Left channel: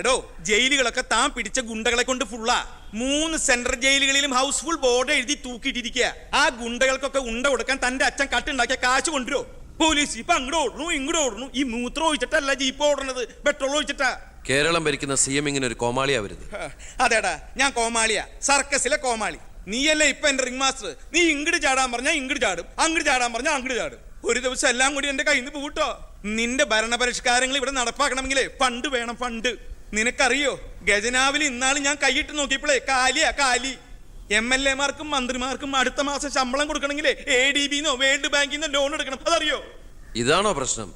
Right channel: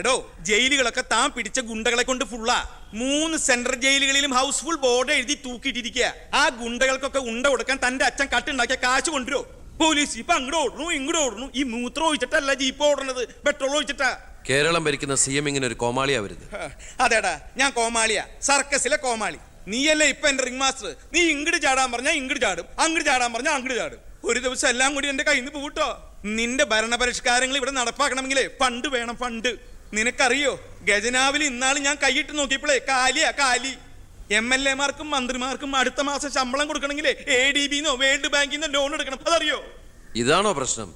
എടോ ജയിലുകളൊക്കെ താൻ പിടിച്ച ഗുണ്ടകളെ കൊണ്ട് ഫുള്ളാ. 3 സെൻട്രൽ ജയിലുകളിലും ഹൗസ്ഫുൾ ബോർഡ് എഴുതി തൂക്കിയിട്ടിരിക്കുക. ആ ഗുണ്ടകൾക്കൊക്കെ ഉണ്ട കൊടുക്കാൻ തന്റെ അച്ഛൻ കട്ടുണ്ടാക്കിയ കാശ് കൊണ്ടുവരോ? പോലീസ് ഇപ്പൊ അങ്ങോട്ട് ഓടണു ഇങ്ങോട്ട് ഓടണു. ഈ മൂത്രം ഒഴിച്ചിട്ടല്ല ജീപ്പ് ഓടണത്, പെട്രോൾ ഒഴിച്ചിട്ടാ. കേരളം ഭരിക്കുന്ന CM ഇങ്ങനെ ഒരു കോമാളിയാ വരുന്നത്. അതേടാ, ഞാൻ കോമാളിയാ, സർക്കസിലെ കോമാളി. നീയല്ലേ ഇപ്പൊ എന്റെ റിംഗ് മാസ്റ്റർ. നീ ഇങ്ങോട്ട് ചാടാൻ പറഞ്ഞാൽ ഇങ്ങോട്ട് ചാടും, അങ്ങോട്ട് ചാടാൻ പറഞ്ഞാൽ അങ്ങോട്ട് ചാടും. ഒരു ദിവസം എല്ലാം കൂടി എന്റെ കയ്യിൽ നിന്ന് പോട്ടോ. നിന്റെ ഭരണപരിഷ്കാരങ്ങൾ ഇവിടെ നടപ്പാക്കണമെങ്കിലേ ഫണ്ട് വേണം, ഫണ്ട്. നിനക്കറിയോ, ഖജനാവിൽ ഇന്നാള് ഞാൻ കൈയിട്ട് നോക്കിയപ്പോഴേ കാലി. MLA മാർക്കും മന്ത്രിമാർക്കും അടുത്ത മാസം ശമ്പളം കൊടുക്കണമെങ്കിലേ ADB-ന്നോ വേൾഡ് ബാങ്കിന്നോ ലോൺ എടുക്കണം. അതറിയോ? ഇതാണോ പ്രശ്നം?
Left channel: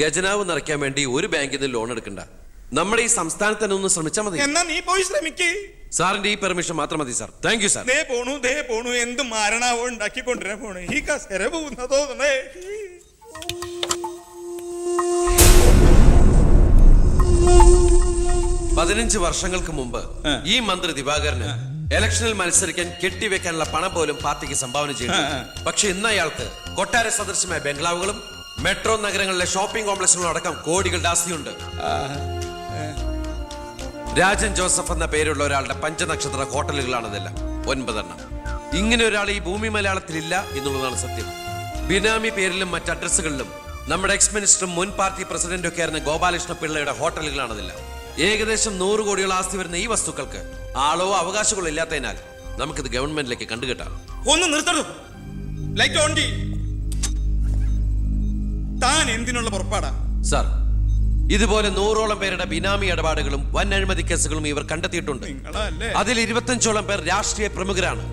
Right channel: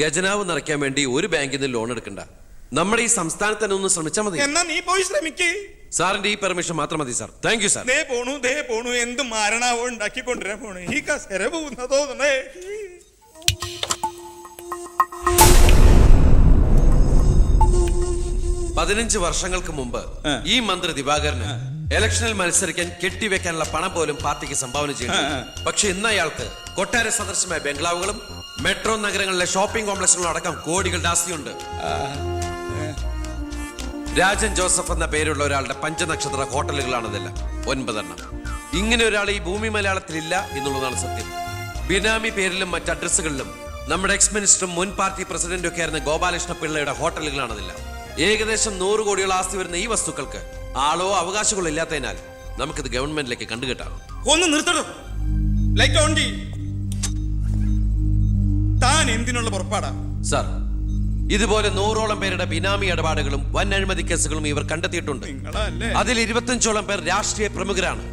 ഖജനാവ് നിറയ്ക്കാൻ വേണ്ടി ഒരു ബാങ്കിൽ നിന്ന് ലോൺ എടുക്കണ്ട. നമ്മുടെ ഈ സംസ്ഥാനത്ത് തന്നെ ഒന്ന് ശ്രമിച്ചാൽ മതി. എന്നാ നീ പോയി ശ്രമിക്കേ. സാറിന്റെ ഈ പെർമിഷൻ മാത്രം മതി സാർ. Thank you sir. ദേ പോണു എന്ത് മാരണാവോ ഉണ്ടാക്കി കൊണ്ടുവരാൻ പോണേ. ഈ കസേര പോകുന്നതോ തോന്നണേ. 15 വർഷങ്ങൾക്ക് മുമ്പ് ഈ മന്ത്രി ദിവാകരന് ഇലക്ഷനിൽ മത്സരിക്കാൻ കെട്ടിവെക്കാനുള്ള പണം പോലും പാർട്ടിക്ക് സംഭാവന ചെയ്യുന്നു. പക്ഷെ ഇന്ന് അയാൾക്ക് കൊട്ടാര സദൃശമായ ബംഗ്ലാവുകളും മെട്രോ നഗരങ്ങളിലെ ഷോപ്പിംഗ് കോംപ്ലക്സുകളും അടക്കം കോടികളുടെ ആസ്തിയുണ്ട്. രാജൻ ജോസഫ് എന്ന പേരുള്ള ഒരാളുടെ 5 നക്ഷത്ര ഹോട്ടലുകളാണിതെല്ലാം, 9 എണ്ണം. ഇങ്ങനെ ഒരാൾ ഈ ഭൂമി മലയാളത്തിലില്ല എന്നുള്ളതാണ് സത്യം. ബിനാമി പേരിലും മറ്റ് അഡ്രസ്സുകളിലും നമ്മുടെ എക്സ് മിനിസ്റ്ററും മുൻ പാർട്ടി പ്രസിഡന്റും ഒക്കെ ആയിരുന്ന ഗോപാലകൃഷ്ണ പിള്ളയുടെ ഹോട്ടലുകളാണിതെല്ലാം. ഏകദേശം 100 കോടിയോളം ആസ്തി വരുന്ന ഈ വസ്തുക്കൾക്ക് ആളോ അവകാശങ്ങളോ ഇല്ലാത്തതിനാൽ നമുക്കിത് ഗവൺമെന്റിലേക്ക് കണ്ടുകെട്ടാം. ഒന്ന് നിർത്തണം. ലൈറ്റ് ഓൺ ചെയ്യ്. താൻ എന്തിനുള്ള പുറപ്പാടാ? സാർ, ഇതുപോലെ 100ഓളം പേരുടെ ബിനാമി ഇടപാടുകളും വൻ അഴിമതി കേസുകളും ഇവർ കണ്ടെത്തിയിട്ടുണ്ട്. അതിൽ 25ഓളം പേർ രാഷ്ട്രീയ പ്രമുഖരാണ്.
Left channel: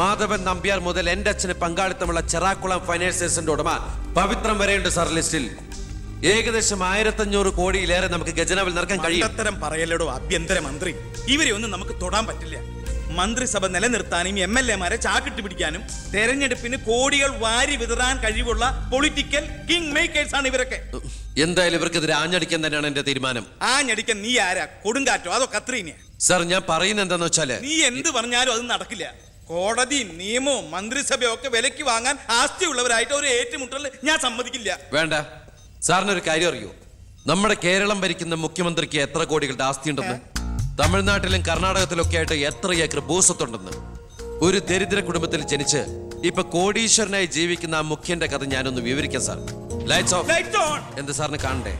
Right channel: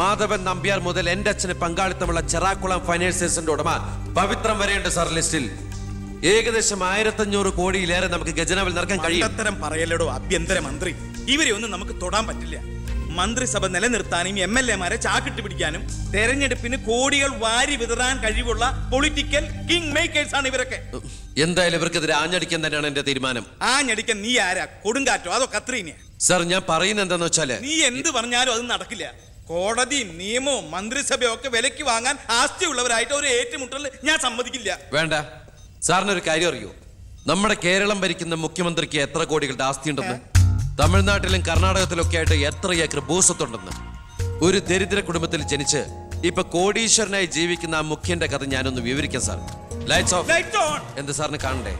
മാധവൻ നമ്പ്യാർ മുതൽ എന്റെ അച്ഛന് പങ്കാളിത്തമുള്ള ചെറാക്കുളം ഫൈനാൻസേഴ്സിന്റെ ഉടമ പവിത്രം വരെയുണ്ട് സാർ ലിസ്റ്റിൽ. ഏകദേശം 1500 കോടിയിലേറെ നമുക്ക് ഖജനാവിൽ നിറക്കാൻ കഴിയും. അത്തരം പറയലടോ ആഭ്യന്തര മന്ത്രി. ഇവരെ ഒന്നും നമുക്ക് തൊടാൻ പറ്റില്ല. മന്ത്രിസഭ നിലനിർത്താനും MLA മാരെ ചാക്കിട്ട് പിടിക്കാനും തെരഞ്ഞെടുപ്പിന് കോടികൾ വാരി വിതറാൻ കഴിവുള്ള പൊളിറ്റിക്കൽ കിങ് മേക്കേഴ്സ് ആണ് ഇവരൊക്കെ. എന്തായാലും ഇവർക്കെതിരെ ആഞ്ഞടിക്കാൻ തന്നെയാണ് എന്റെ തീരുമാനം. ആഞ്ഞടിക്കാൻ നീ ആരാ? കൊടുങ്കാറ്റോ അതോ കത്രീനയാ? സാർ, ഞാൻ പറയുന്നത് എന്താന്ന് വെച്ചാല്, നീ എന്ത് പറഞ്ഞാലും അത് നടക്കില്ല. കോടതിയും നിയമവും മന്ത്രിസഭയും ഒക്കെ വിലക്ക് വാങ്ങാൻ ആസ്തിയുള്ളവരായിട്ട് ഒരു ഏറ്റുമുട്ടൽ ഞാൻ സമ്മതിക്കില്ല. വേണ്ട. സാറിനൊരു കാര്യം അറിയോ? നമ്മുടെ കേരളം ഭരിക്കുന്ന മുഖ്യമന്ത്രിക്ക് എത്ര കോടികളുടെ ആസ്തിയുണ്ടെന്ന്? തമിഴ്നാട്ടിലും കർണാടകത്തിലും ഒക്കെ ആയിട്ട് എത്ര ഏക്കർ ഭൂസ്വത്തുണ്ടെന്ന്? ഒരു ദരിദ്ര കുടുംബത്തിൽ ജനിച്ച് ഇപ്പൊ കോടീശ്വരനായി ജീവിക്കുന്ന ആ മുഖ്യന്റെ കഥ ഞാനൊന്ന് വിവരിക്കാം സാർ. Lights of. എന്ത് സാറിന് കാണണ്ടേ?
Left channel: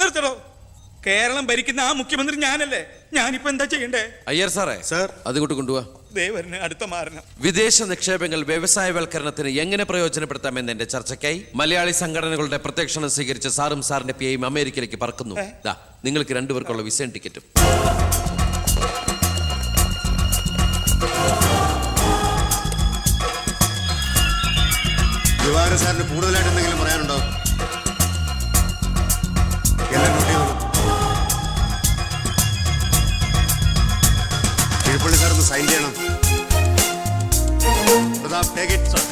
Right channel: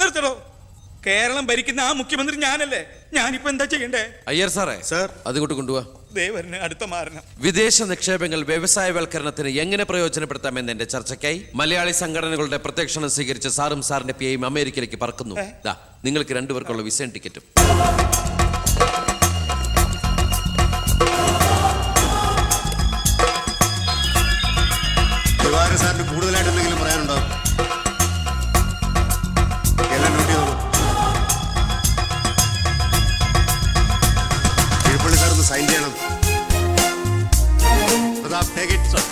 നിർത്തടോ. കേരളം ഭരിക്കുന്ന ആ മുഖ്യമന്ത്രി ഞാനല്ലേ. ഞാനിപ്പോ എന്താ ചെയ്യണ്ടേ? അയ്യർ സാറേ, സാർ അതുകൊണ്ട് കൊണ്ടുപോവാ. അടുത്ത മാരണം. വിദേശ നിക്ഷേപങ്ങൾ വ്യവസായവൽക്കരണത്തിന് എങ്ങനെ പ്രയോജനപ്പെടുത്താമെന്ന് എന്റെ ചർച്ചയ്ക്കായി മലയാളി സംഘടനകളുടെ പ്രത്യക്ഷണം സ്വീകരിച്ച സാറും സാറിന്റെ PAയും അമേരിക്കയിലേക്ക് പറക്കുന്നു. നിങ്ങൾക്ക് 2 പേർക്കുള്ള വിസയും ടിക്കറ്റും. ദിവാകരൻ സാറിന് കൂടുതലായിട്ട് എന്തെങ്കിലും പറയാനുണ്ടോ? എല്ലാം നോട്ട് ചെയ്തോളൂ. കിഴപ്പള്ളി സാർ ഒന്ന് സൈൻ ചെയ്യണം. Prathap, take it sir.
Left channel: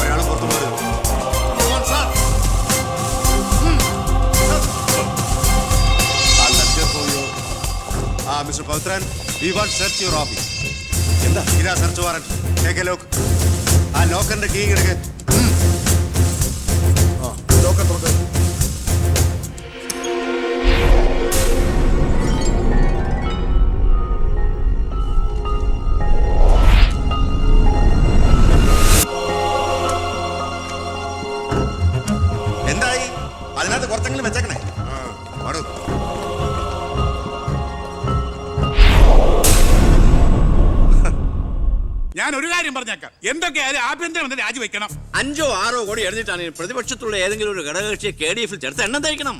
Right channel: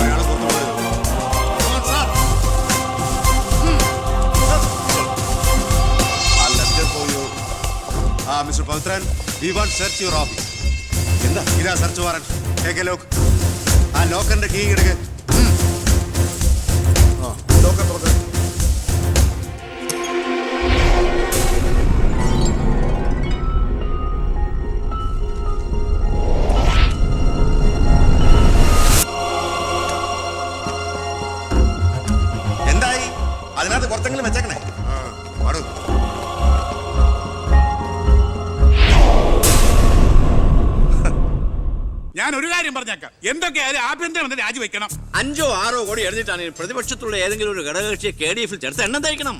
ഒരാളും പുറത്തു പോകരുത്. Mister Pavithran, we want search your office. എന്താ ഇതാ search warrant. Take a lock. ആ ലോക്കറിന്റെ കീ എടുക്ക്. ലോക്കർ തുറക്ക്. എന്തായി? അതിനകത്ത് കുറച്ചെങ്കിലും വെച്ചേക്കണേ. പാടൂ. ഞാൻ ഒരു കാര്യം പറഞ്ഞേക്കാം. എന്തൊക്കെയായാലും ആഭ്യന്തരം രാജിവെക്കണം. 5 or 6 കോടി എഴുതിട്ടാണ് പ്രതിപക്ഷത്തുള്ള ഏതെങ്കിലും ഒരു ഘടകകക്ഷിയെ KDF-ൽ ചേർത്ത് എണ്ണം തയ്ക്കണം.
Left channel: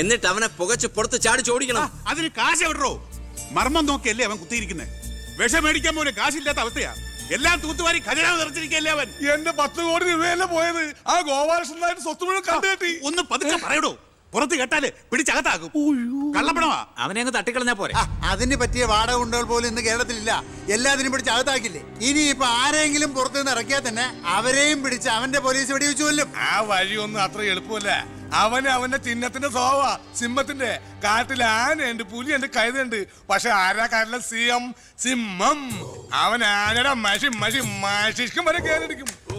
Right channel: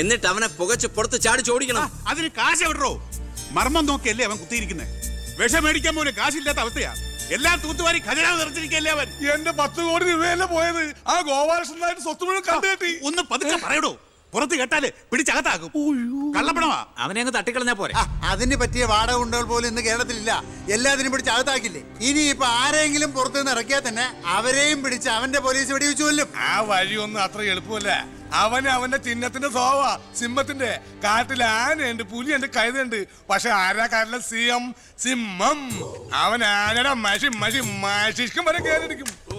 എന്നിട്ട് അവനെ പുകച്ച് പുറത്ത് ചാടിച്ചോടിക്കണം. അതിന് കാശ് എവിടോ? മർമ്മം നോക്കിയല്ലേ അവൻ കുത്തിയിരിക്കുന്നത്. വിഷം മേടിക്കാൻ പോലും കാശില്ലാത്ത അവസ്ഥയാ. എല്ലാം തൂത്തുവാരി ഖജനാവ് നിറച്ചിരിക്കല്ലേ അവൻ. എന്റെ 10 കോടി രൂപയല്ലേ പോയത്. ആ ഗോപാലകൃഷ്ണനായിട്ട് സ്വത്ത് മുഴുവൻ കണ്ടുകെട്ടി. ഒന്ന് പതുക്കെ പറയടോ. പുറത്ത് കേട്ടാല് പിടിച്ചകത്താക്കും. കള്ളപ്പണമാ. അവനെ അങ്ങ് തട്ടിക്കളഞ്ഞാ പോരെ. അതിന് പറ്റിയ വാടക ഗുണ്ടകൾ പോലും ഇന്ന് കേരളത്തിലില്ല. എല്ലാത്തിനും പിടിച്ച് അകത്താക്കില്ലേ. ഇനി ഇപ്പൊ ആരെങ്കിലും പുറത്തുനിന്ന് ഇറക്കിയാൽ തന്നെ അവരെയും പിടിച്ച് അവന്റെ പോലീസ് വെടിവെച്ചു കൊല്ലും. ആ വഴിയൊന്നും അത്ര എളുപ്പമല്ല. അവന് അവന്റെ ചിഹ്നത്തിന്റെ സ്വഭാവ സിംഹത്തിന്റെ. കാട്ടിൽ ആനയുണ്ട്, പുലിയുണ്ട്, കഴുതുണ്ട്. പക്ഷെ ആരാ കാട്ടിലെ സിംഹം? സിംഹം. അവൻ ആനയുടെ മഷിഷ്കം വരെ കേറിടിക്കും. ഓ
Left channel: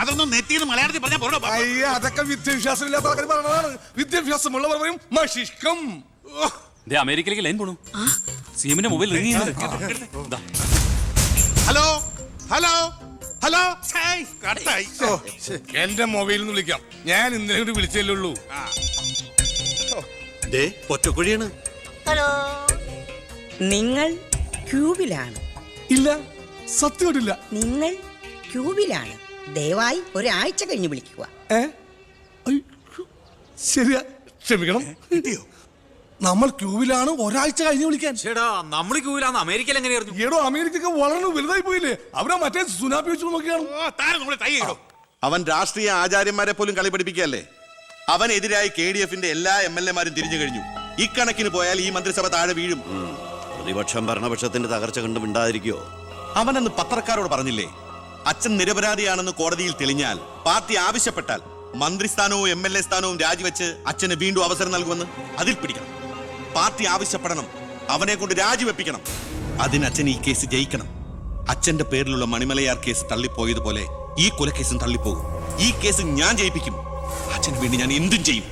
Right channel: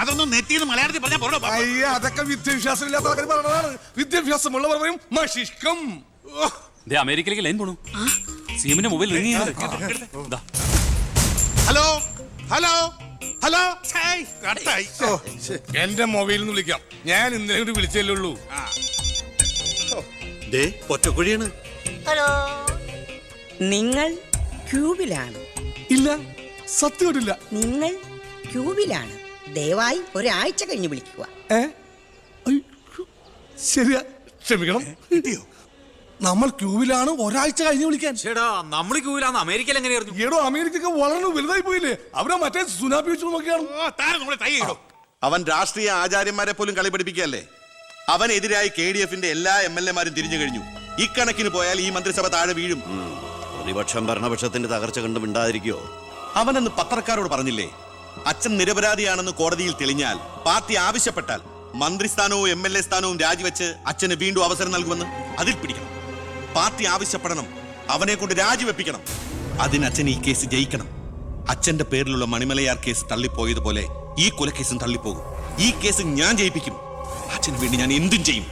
അതൊന്നും നെറ്റിന്ന് മലയാളത്തിൽ പറഞ്ഞാൽ പോരോ. അയ്യ, അതൊക്കെ വിദ്യാഭ്യാസം ഇല്ലാത്ത ആൾക്കാർ പറഞ്ഞതാണ്. വിദ്യാഭ്യാസമുള്ളവർ പറയും മഷിഷ്കം. അമേരിക്കയിലേക്ക് ലൈൻ പോണു. സിഎമ്മിന്റെ മൊബൈൽ റിംഗ് ചെയ്യുന്നുണ്ട്. Hello hello hello. കട്ടായി. എന്റെ മൊബൈലിൽ നിന്ന് വിളിക്കാം. ഞാൻ ഇന്നലെ കൂടി വിളിച്ചല്ലേ ഉള്ളൂ. പൊറ്റക്കുഴിയാണ്. ഹലോ, നിങ്ങൾ ക്യൂബിലാണ്? ഇല്ല, സത്യമായിട്ടില്ല. നിങ്ങൾ ക്യൂബിലാണ്. ദയവായി ഒരാഴ്ച കഴിഞ്ഞ് വിളിക്കുക. ശരിയാ, ക്ഷമിക്കണം. നമ്മൾ ക്യൂബിലാണ്, ഒരാഴ്ച കഴിഞ്ഞ് വിളിക്കാൻ. ചേടാ നമ്മൾ ക്യൂവിലാന്ന് അമേരിക്കയിൽ എങ്ങനെയായിരുന്നു? ഏടോ, അമേരിക്ക വളരെ വലുതായി പോയില്ലേ? അവരെ മറ്റേ സുനാപ്പി വെച്ച് നോക്കിയാണ്. അവൻ രാഷ്ട്രീയ ആചാര്യന്മാരെ പോലും കളി പഠിപ്പിക്കുകയല്ലേ. അവനെതിരായി KDF-ന്റെ എല്ലാ MLA-മാരും തിരിഞ്ഞു കഴിഞ്ഞു. ഇക്കണക്കിന് പോയാൽ ഈ മന്ത്രിസഭ താഴെ വീഴും. പ്രതിപക്ഷം ഭരണപക്ഷത്തിന്റെ തകർച്ച കണ്ട് മിണ്ടാതിരിക്കോ? അവനെന്ന് പത്രക്കാരോട് പറഞ്ഞില്ലേ, അച്ഛൻ നിരപരാധിയാണെന്ന് കോടതിയിൽ തെളിഞ്ഞാൽ പാർട്ടി ആവശ്യപ്പെട്ടാൽ മന്ത്രിസ്ഥാനവും MLA സ്ഥാനവും രാജിവെച്ച് അച്ഛന് വീണ്ടും അവസരം നൽകുമെന്ന്. അതിൽ പിടിക്കണം. പാർട്ടി ആവശ്യപ്പെടണം, അവനെ കൊണ്ട് രാജിവെപ്പിക്കണം. അതിന് അച്ഛൻ ഈ കേസ് ജയിക്കണം. അച്ഛന്റെ പേരിലുള്ള മണിമലയാർ കേസ് തള്ളിപ്പോയതുപോലെ ഈ കൊലക്കേസും തള്ളിപ്പോകും. ഈ കേസ് ഞാൻ ജയിപ്പിക്കും. അച്ഛന് വേണ്ടി ഞാൻ എന്തും ചെയ്യും.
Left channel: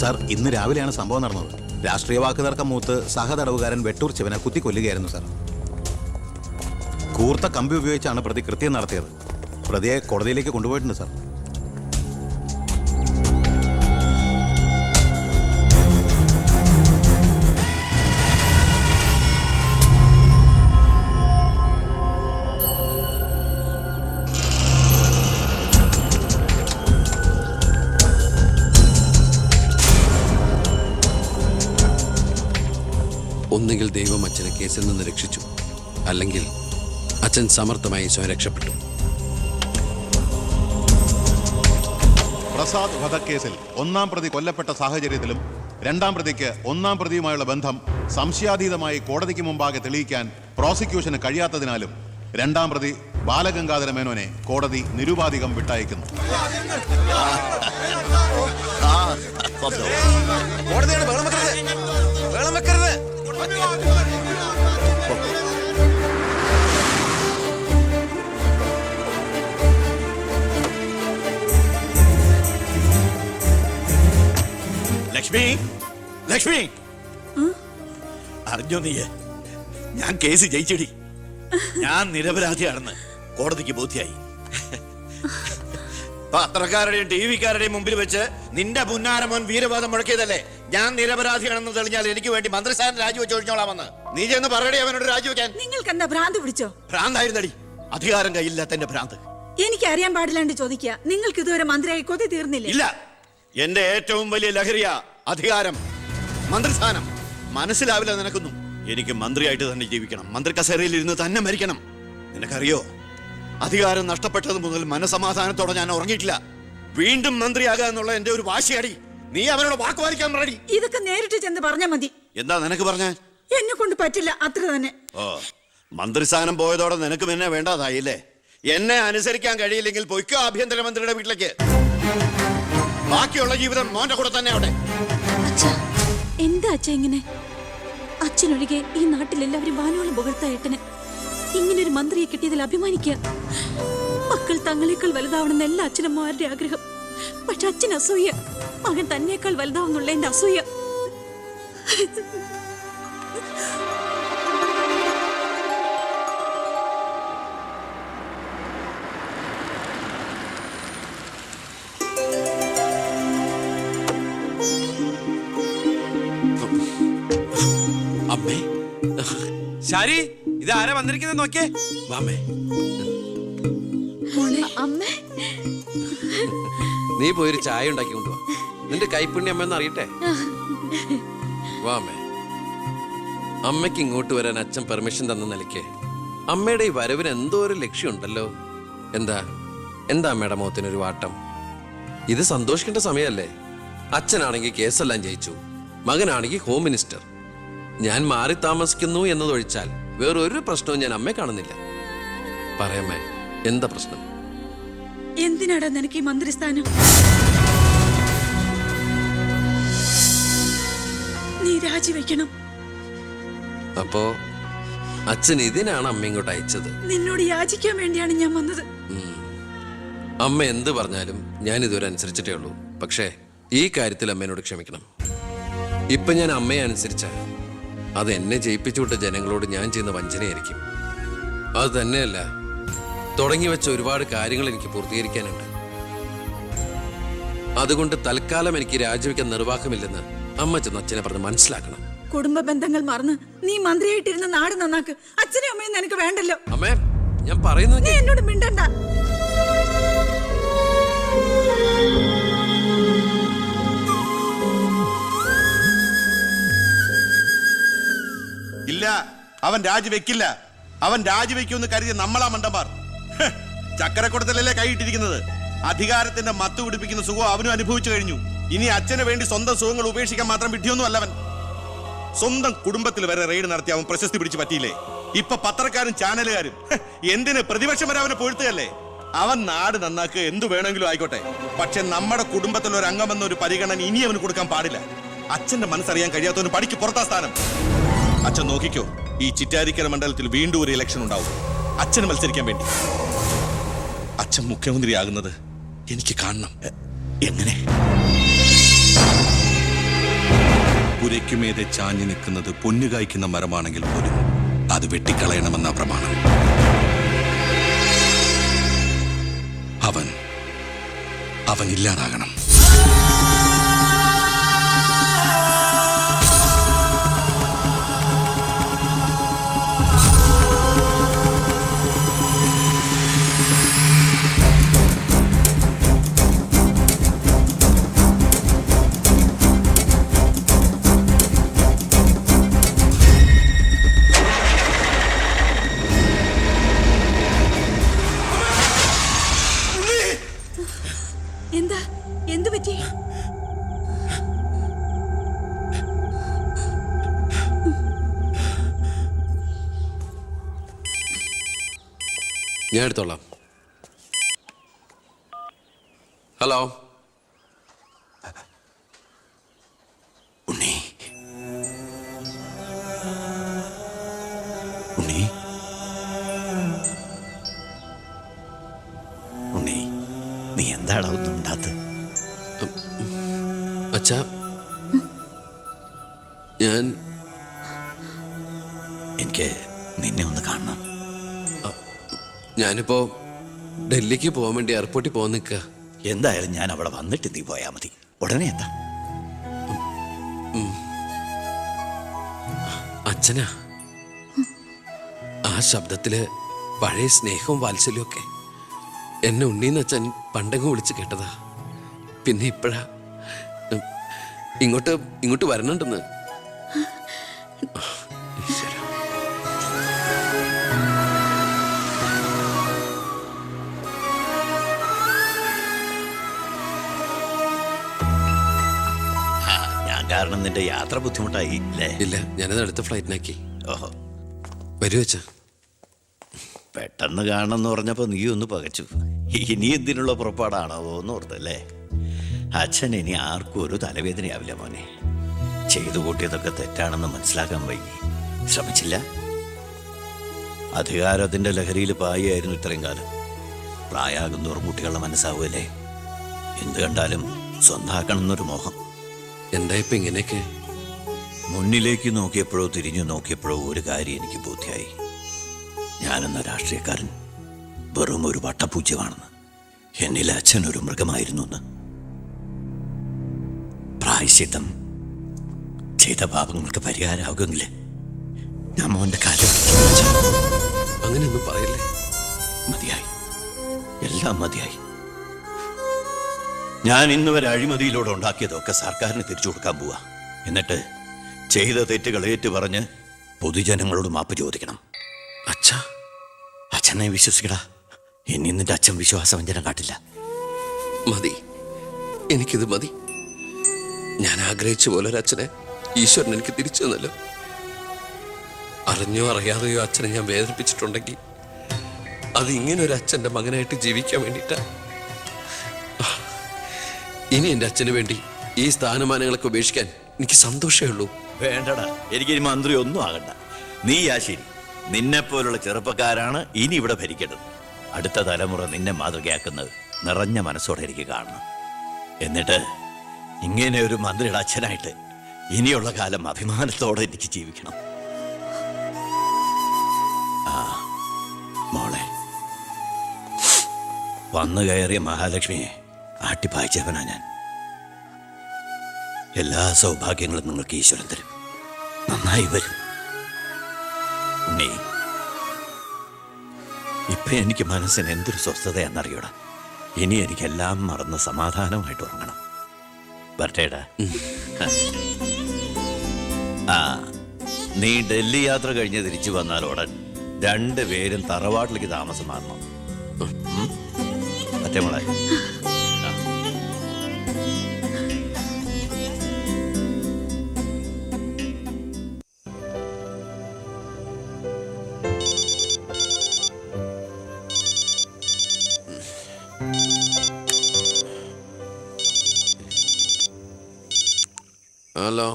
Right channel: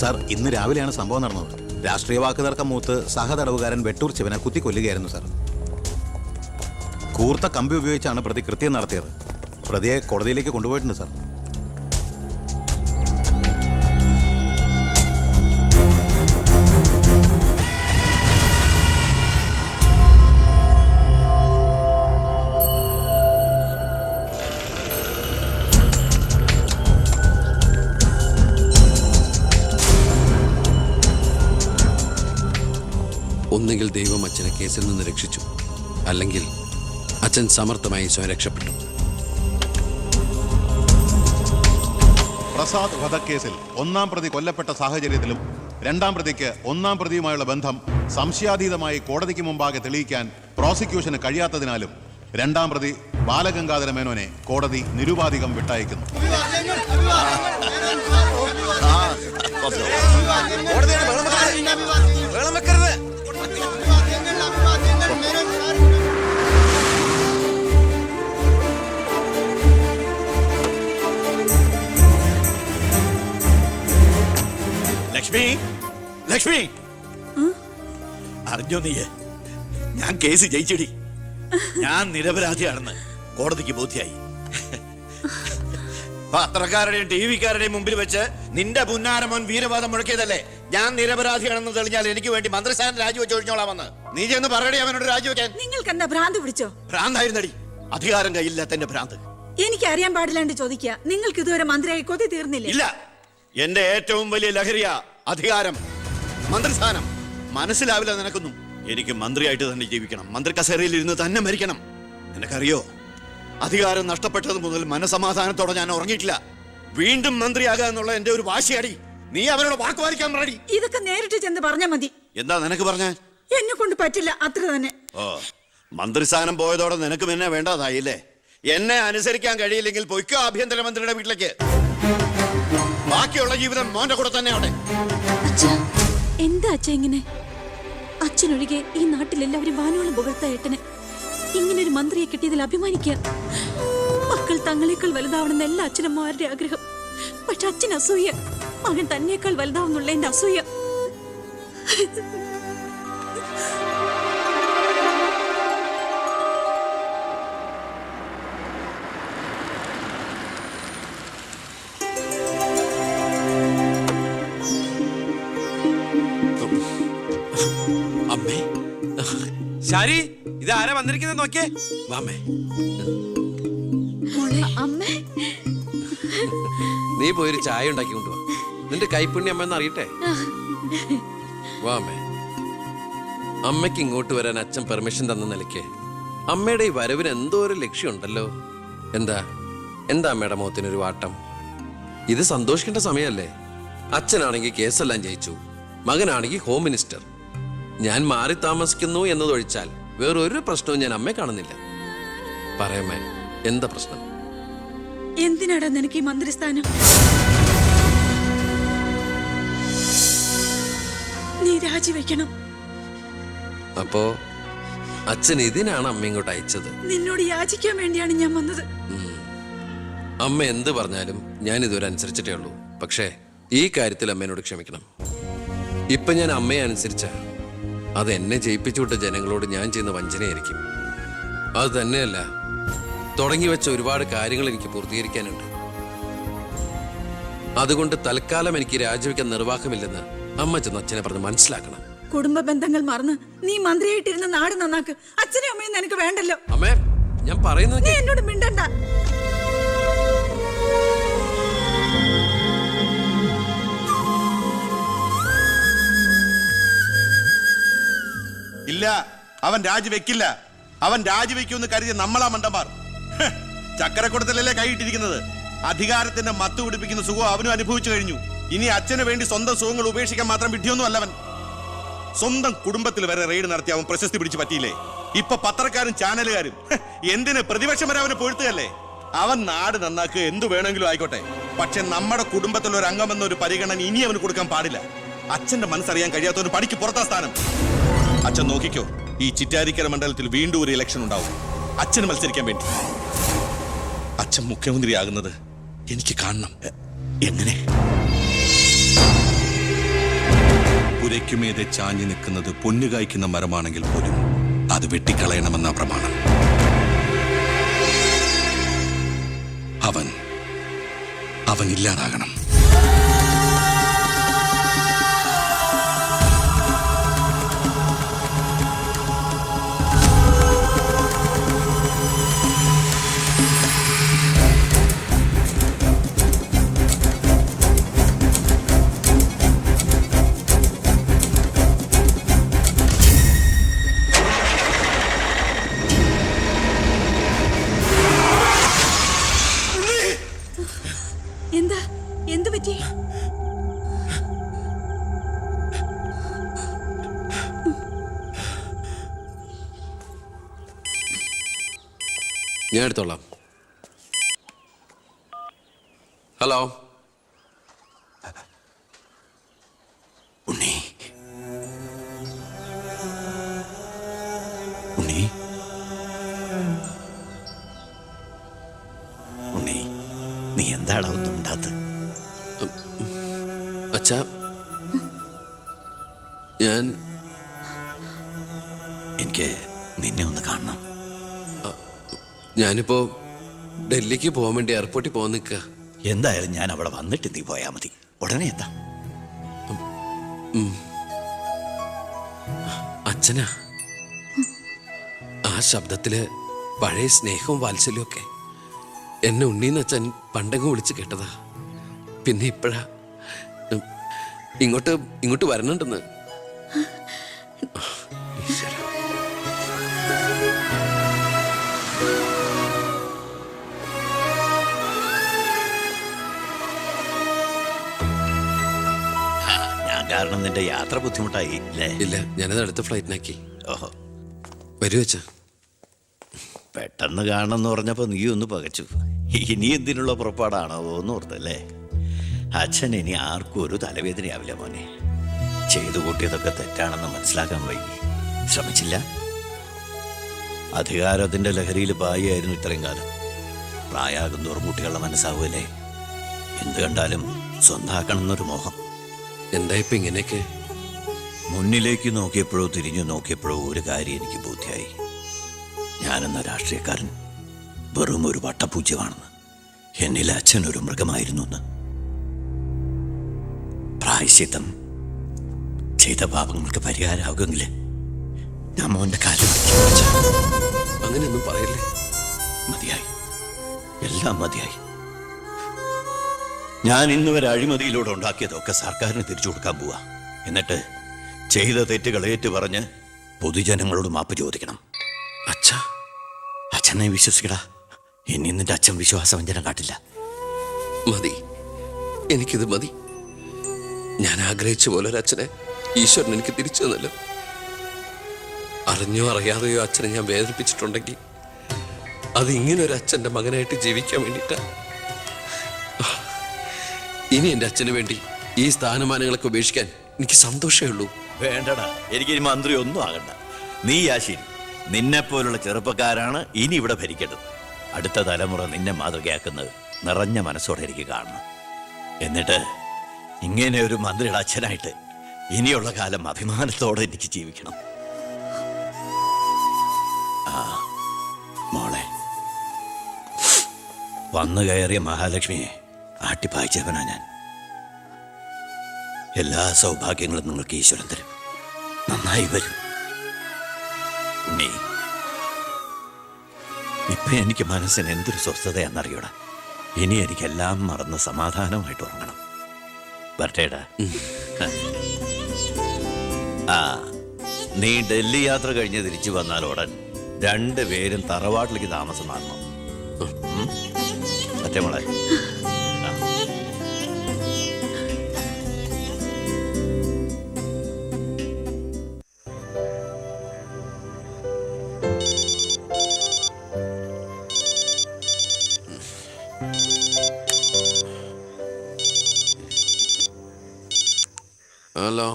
സാർ, ഇന്ന് രാവിലെയാണ് സംഭവം നടന്നത്. രാഷ്ട്രീയ വാക്കുതർക്കം മൂത്ത് സഹതടവുകാരൻ വെട്ടൂർ ശിവനെ കുത്തിക്കൊല്ലുകയായിരുന്നു സാർ. കൂർത്ത കമ്പി ഉപയോഗിച്ചാണ് പ്രതി കൃത്യം നടത്തിയത്. പ്രതിയെ കോടതിയിലേക്ക് കൊണ്ടുപോയിട്ടുണ്ട് സാർ. ഒന്നുകിൽ ദൈവം അച്ഛനെ കേസിൽ നിന്ന് രക്ഷിച്ചു, അല്ലെങ്കിൽ അച്ഛൻ സമർത്ഥമായി സ്വയം രക്ഷപ്പെട്ടു. പ്രസാദ് വധക്കേസിൽ ഒന്നാം പ്രതി കൊല്ലപ്പെട്ട സാഹചര്യത്തിലും രണ്ടാം പ്രതിക്ക് ഒന്നാം പ്രതിയുമായുള്ള ബന്ധം സംശയാതീതമായി കോടതിക്ക് മുമ്പാകെ തെളിയിക്കാൻ പ്രോസിക്യൂഷന് കഴിയാത്തതിനാലും രണ്ടാം പ്രതി ബാലഗംഗാധര മേനോനെ കോടതി നിരുപാധികം വിട്ടയക്കുന്നു. ലക്ഷ്മി, ലക്ഷ്മി, അറിഞ്ഞോ നീ? ഞാൻ കേസ് ജയിച്ചടി. ഞാൻ നിരപരാധിയാണെന്ന് കോടതിക്ക് ബോധ്യായി. പത്രക്കാരുടെയും TV-ക്കാരുടെയും മുമ്പിൽ വെച്ച് നിന്റെ പുന്നാരമോൻ വീരവാദം മുഴക്കിയതല്ലേ? ഞാൻ നിരപരാധിയാണെന്ന് തെളിഞ്ഞാൽ എനിക്ക് വേണ്ടി മന്ത്രിസ്ഥാനം രാജിവെച്ച് ഒഴിഞ്ഞോളാമെന്ന്. നീ ചെന്ന് പറയടി അവനോട് രാജിവെക്കാൻ. നിങ്ങൾക്ക് എന്താ ഭ്രാന്ത് പിടിച്ചോ? ഭ്രാന്തായിരുന്നടി, അധികാരം കയ്യില്ലാത്ത എന്റെ ഭ്രാന്ത്. എനിക്ക് അറിയാൻ പാടില്ലാണ്ട് ചോദിക്കുക. നിങ്ങൾക്ക് ഇതുവരെ മന്ത്രിയായി കൊതി തീർന്നില്ലേ? ഇല്ല, എന്റെ ഏറ്റവും വലിയ ലഹരിയ അധികാരം, മന്ത്രിസ്ഥാനം. മനസ്സിലാവില്ല നിനക്കൊന്നും. എനിക്ക് മന്ത്രിയായിട്ട് തന്നെ ജീവിക്കണം. മന്ത്രി കസേരയിൽ ഇരുന്ന് തന്നെ മരിക്കണം. നിനക്കറിയോ, അധികാരം നഷ്ടപ്പെട്ടത് മുതൽ മനസമാധാനത്തോടെ ഞാൻ ഉറങ്ങിയിട്ടില്ല. വീണ്ടും മന്ത്രിയാകുക എന്നുള്ള എന്റെ ഒരു വാശിയടി. നീ അവനോട് വാക്കുപാലിക്കാൻ പറയടി. ഇതൊക്കെ നേരിട്ട് ചെന്ന് പറഞ്ഞാ മതി. എന്താ നിനക്ക് പറഞ്ഞ? എന്നെ കൊണ്ട് പറ്റില്ല, അത്ര തന്നെ. ഓ, മന്ത്രിസ്ഥാനം പോയതോടെ നിനക്ക് പിന്നെ വേണ്ടതായില്ലേ? എന്നെ അനുസരിക്കാൻ കഴിയില്ലെങ്കിൽ പൊയ്ക്കോ ആഭ്യന്തരമന്ത്രിയുടെ വീട്ടിലേക്ക്. ബാക്കിയുള്ള ജീവിതം മോന്റെ കൂടെ തന്നെ അവിടെ. എന്താ അച്ഛ ഇങ്ങനെ? അച്ഛനൊഴികെ ഈ നാട്ടിലെല്ലാവരും വാനോളം പുകഴ്ത്ത ഏട്ടന് ഇങ്ങനൊരു മന്ത്രിയെ കിട്ടിയതിൽ അഭിമാനിക്കുക. മക്കൾ തങ്ങളെക്കാൾ വലുതാവണമെന്ന് എല്ലാ അച്ഛനമ്മമാരുടെ ആഗ്രഹം. പക്ഷെ അച്ഛൻ അസൂയ. മകൻ തന്നേക്കാൾ വലുതാവുന്നുള്ള എന്റെ അസൂയ. അമ്മേ, ശാരി, ഇത് ആരാ വന്നിരിക്കുന്നത് നോക്കിയേ. വാമേ, അമ്മേ, നീ പോയൊരു ചായ ഉണ്ടാക്കി കൊണ്ടുവാ. നിന്റെ കൈപ്പുണ്യം അമ്മ അറിയട്ടെ. വാമേ, അമ്മയ്ക്ക് ഇങ്ങോട്ട് വരാൻ അച്ഛൻ പെർമിഷൻ തന്ന നിലയ്ക്ക് അമ്മയുടെ ഈ വരവിന് എന്തോ ഒരു ലക്ഷ്യമുണ്ടല്ലോ. എന്താ അമ്മയുടെ മുഖത്തിനൊരു വാട്ടം? ഇത് സന്തോഷിക്കേണ്ട സമയമല്ലേ? അച്ഛനാണെങ്കിൽ കേസെല്ലാം ജയിച്ചു, മകനാണെങ്കിൽ ഹോം മിനിസ്റ്റർ. ഞാൻ മാറി താമസിക്കുന്നു എന്നതൊഴിച്ചാൽ വേറൊരു പ്രശ്നവും ഞാൻ അമ്മയെ കാണുന്നില്ല. പറയമ്മേ, എന്താ പ്രശ്നം? എന്തിനാടാ നിനക്ക് ഈ മന്ത്രിസ്ഥാനം? നീ രാജിവെക്കണം. അപ്പോ അച്ഛൻ ഇതിനാണ് അമ്മ ഇങ്ങോട്ട് അയച്ചത്? നിന്നോട് യാചിക്കാൻ വേണ്ടിയാണ് ഞാൻ വന്നത്. അമ്മ എന്ത് പറഞ്ഞാലും ഞാൻ ഇതുവരെ അനുസരിച്ചിട്ടേ ഉള്ളൂ. പക്ഷേ ഈ കാര്യത്തിൽ അമ്മേനോട് ക്ഷമിക്കണം. ഇപ്പൊ ഞാൻ അമ്മയെ അനുസരിച്ച അത് എന്നെ ജയിപ്പിച്ചു വിട്ട ജനങ്ങളോട് ഞാൻ ചെയ്യുന്ന വഞ്ചനയായിരിക്കും. അത് തന്നെയല്ല, തുടങ്ങി വെച്ച ഒരുപാട് കാര്യങ്ങൾ എനിക്ക് പൂർത്തീകരിക്കാനുണ്ട്. അതുകൊണ്ട് തൽക്കാലം എനിക്ക് രാജിവെക്കാൻ നിർവാഹമില്ലെന്ന് അമ്മ ചെന്ന് അച്ഛനെ പറഞ്ഞ് മനസ്സിലാക്കണം. കുടുംബ ബന്ധങ്ങൾ മറന്ന് നീ മന്ത്രിയായിട്ടിരുന്ന നാട് നന്നാക്ക്. അച്ഛനും അമ്മയും നിനക്ക് വേണ്ടല്ലോ. അമ്മേ, ഞാൻ പറയുന്നത് നീ എന്നോട് മിണ്ടണ്ട. ഇല്ല, അവൻ രാജിവെക്കില്ല. അവൻ രാജിവെക്കുമെന്ന് കരുതിയ നമ്മളാ മണ്ടന്മാർ. ചക്കരക്കുടത്തിലല്ലേ കൈയിട്ടിരിക്കുന്നത്. അധികാരത്തിന്റെ മത്ത് പിടിപ്പിക്കുന്ന സുഖം അവനും അനുഭവിച്ചു കഴിഞ്ഞു. ഇനി അച്ഛന് വേണ്ടി സ്വന്തം സുഖങ്ങൾ ഉപേക്ഷിക്കാൻ മാത്രം വിഡ്ഢിയൊന്നും അല്ലവൻ. സ്വന്തം കുടുംബത്തിൽ വരെ റെയ്ഡ് നടത്തി അവൻ പ്രശസ്തി പിടിച്ചു പറ്റിയില്ലേ? ഇപ്പൊ പത്രക്കാരും ചാനലുകാരും എന്തിന് പ്രതിപക്ഷം വരെ അവനെ പൊഴുത്തുകയല്ലേ? അവൻ നാട് നന്നാക്കുക എന്തു വേണമെങ്കിലും ആയിക്കോട്ടെ, പക്ഷെ നമ്മുടെ കുടുംബത്തിൽ ഒരു അംഗമെന്ന ഒരു പരിഗണന ഇനി അവന് കൊടുക്കാൻ പാടില്ല. അച്ഛന്റെ മനസ്സറിയാൻ കഴിയാത്തവന് പടിക്ക് പുറത്താ സ്ഥാനം. അച്ഛൻ നോക്കിക്കോ, ഈ ചിറ്റാരിക്കര മണ്ഡലത്തിൽ വീണ്ടും ഒരു ഇലക്ഷൻ ഉണ്ടാവും അച്ഛന് മത്സരിക്കാൻ വേണ്ടി. അച്ഛൻ മുഖ്യമന്ത്രിയാകുന്നത് എനിക്ക് കാണണം. എങ്ങനെ? പുരയ്ക്കുമേതെ ചാഞ്ഞു നിൽക്കുന്നത് പൊന്നു കായ്ക്കുന്ന മരമാണെങ്കിൽ പോലും അത് വെട്ടിക്കളയണമെന്ന പ്രമാണം. അവൻ ഇല്ലാതാകണം. എന്താ? എന്തു പറ്റി? ഞാൻ എടുത്തോളാം. ഹലോ ഉണ്ണി, ഉണ്ണി, ഉണ്ണി, നീ എന്താടാ ഒന്നും ഉണ്ടാത്ത്? അച്ഛാ, എനിക്ക് നിന്നെ ഒന്ന് കാണണം. ഞാനിപ്പോ ഡൽഹിക്ക് പോകാൻ വേണ്ടി എയർപോർട്ടിൽ പോകാൻ നിൽക്കുക. എന്തായാലും ഞാൻ അവിടെ വന്നിട്ട് നീ പോയാ മതി. ഉടനെ എന്താ? അച്ഛനാ, ആ ശബ്ദത്തില് പഴയ സ്നേഹവും വാത്സല്യവും ഒക്കെ എന്നെ ഉണ്ണീന്ന് അച്ഛൻ പണ്ടങ്ങ് വിളിച്ച് കേട്ടതാ. പിന്നെ ഇപ്പോഴാ ഇങ്ങോട്ട് വരണുണ്ടെന്ന്. ഈശ്വരാ. ഞാൻ കാരണം നിന്റെ യാത്ര ബുദ്ധിമുട്ടായി അല്ലേ? ഇല്ല, ഞാനത് അടുത്ത ഫ്ലൈറ്റിനാക്കി. ഓഹോ, വരൂ അച്ഛാ. പെട്ടെന്ന് കാണണമെന്ന് പറഞ്ഞപ്പോ നീ ഒന്ന് പകച്ചു. ഇനി എന്തിനുള്ള പുറപ്പാടാണോ എന്ന് ഓർത്തല്ലേ? അച്ഛൻ ഇനി ആർക്കും ഒരു തലവേദനയാവില്ല മോനെ. ചെയ്തു കൂട്ടിയതൊക്കെ തെറ്റാണെന്ന് മനസ്സിലാക്കാൻ വൈകി. ശ്രമിച്ചില്ല. അധികാരത്തിന്റെ ലഹരിയിൽ പായായിരുന്നു ഇത്രയും കാലം. പ്രായമാകുന്നോറും കുട്ടികളുടെ മനസ്സാവുമല്ലേ? എന്ത് കണ്ടാലും സ്വന്താക്കണം എന്നൊരു മോഹം. എന്താ ഇപ്പൊ ഇങ്ങനെയൊക്കെ? മുന്നിലേക്ക് നോക്കിയപ്പോഴോ തിരിഞ്ഞു നോക്കിയപ്പോഴോ ഒരു കാര്യം എനിക്ക് ബോധ്യായി. ഞാനെന്ന രാഷ്ട്രീയക്കാരൻ വെറും ഒരു വട്ടപൂജ്യമാണെന്ന്. എന്നിൽ അച്ഛൻ ഒരു മൃഗമായിരുന്നു എന്ന്. പ്രായശ്ചിത്തം ചെയ്ത പാപങ്ങൾക്ക് പരിഹാരമാകുമെങ്കിൽ ഞാൻ മോന്റെ കാലം അങ്ങനെയൊന്നും പറയല്ലേ. മതിയായി, എല്ലാം മതിയായി. ഞാൻ ഇന്ന് വരെ അഴിമതിയിലൂടെ ഉണ്ടാക്കിയതൊക്കെ സർക്കാരിന് തിരിച്ചു കൊടുക്കാൻ പോവാ. എന്നിട്ട് ചെയ്ത തെറ്റുകൾ ഏറ്റുപറഞ്ഞ് പൊതുജനങ്ങളോട് മാപ്പ് ചോദിക്കണം. അച്ഛാ, അച്ഛനെ വിശ്വസിക്കടാ. ഇനി നിന്റെ അച്ഛൻ വിശ്വാസവഞ്ചനം കാട്ടില്ല. മതി, എനിക്കിത് മതി. ഞാൻ ആഗ്രഹിച്ച പോലെ ഒരു അച്ഛനെ ഈശ്വരൻ എനിക്ക് തിരിച്ചു തന്നല്ലോ. അറിഞ്ഞോ അറിയാതെയോ അച്ഛനെ ഞാൻ വേദനിപ്പിച്ചിട്ടുണ്ടെങ്കിൽ അത് ഇങ്ങനെ ഒരു അച്ഛൻ്റെ മകനായിട്ട് ജീവിക്കാൻ വേണ്ടിയിട്ടാ. ഇനി എൻ്റെ അച്ഛന് വേണ്ടി ഈ സ്ഥാനമാനങ്ങളൊക്കെ ഉപേക്ഷിക്കാൻ എനിക്ക് സന്തോഷമേ ഉള്ളൂ. വേണ്ടടാ, എനിക്കിനി മന്ത്രി ഒന്നും ആകണ്ട. നീ ശരി, നിന്നെപ്പോലുള്ള ചെറുപ്പക്കാരാണ് ഇനി ഇവിടെ ഭരിക്കേണ്ടത്. അടുത്ത തലമുറ നിന്നെ മാതൃകയാക്കുന്നത് നിറഞ്ഞ മനസ്സോടെ എനിക്ക് കാണണം. എന്നിട്ട് ഇങ്ങനെ ഒരു മന്ത്രിയുടെ അച്ഛനായിട്ട് ഇനിയുള്ള കാലം അഭിമാനത്തോടെ എനിക്ക് ജീവിക്കണം. മോളെ, വന്നു കയറിയ മഹാലക്ഷ്മിയെ ആട്ടിപ്പായിച്ചവനാ ഞാൻ. എല്ലാ സൗഭാഗ്യങ്ങളും നിങ്ങൾക്ക് ഈശ്വരൻ തരും. നന്നായി വരും. ഉണ്ണി, ഇപ്പൊ എനിക്ക് മനസ്സിന് എന്തൊരു സ്വസ്ഥതയാണെന്നറിയൂടാ. ഇനി എനിക്കെല്ലാം മറന്ന് സമാധാനമായിട്ട് ഉറങ്ങണം. വരട്ടേടാ. നീ ഡൽഹി യാത്ര കഴിഞ്ഞ് തിരിച്ചു വന്നാൽ ഉടൻ 2 പേരും തറവാട്ടിലേക്ക് താമസം മാറണം. മറ്റേ മോളെ, ഹലോ.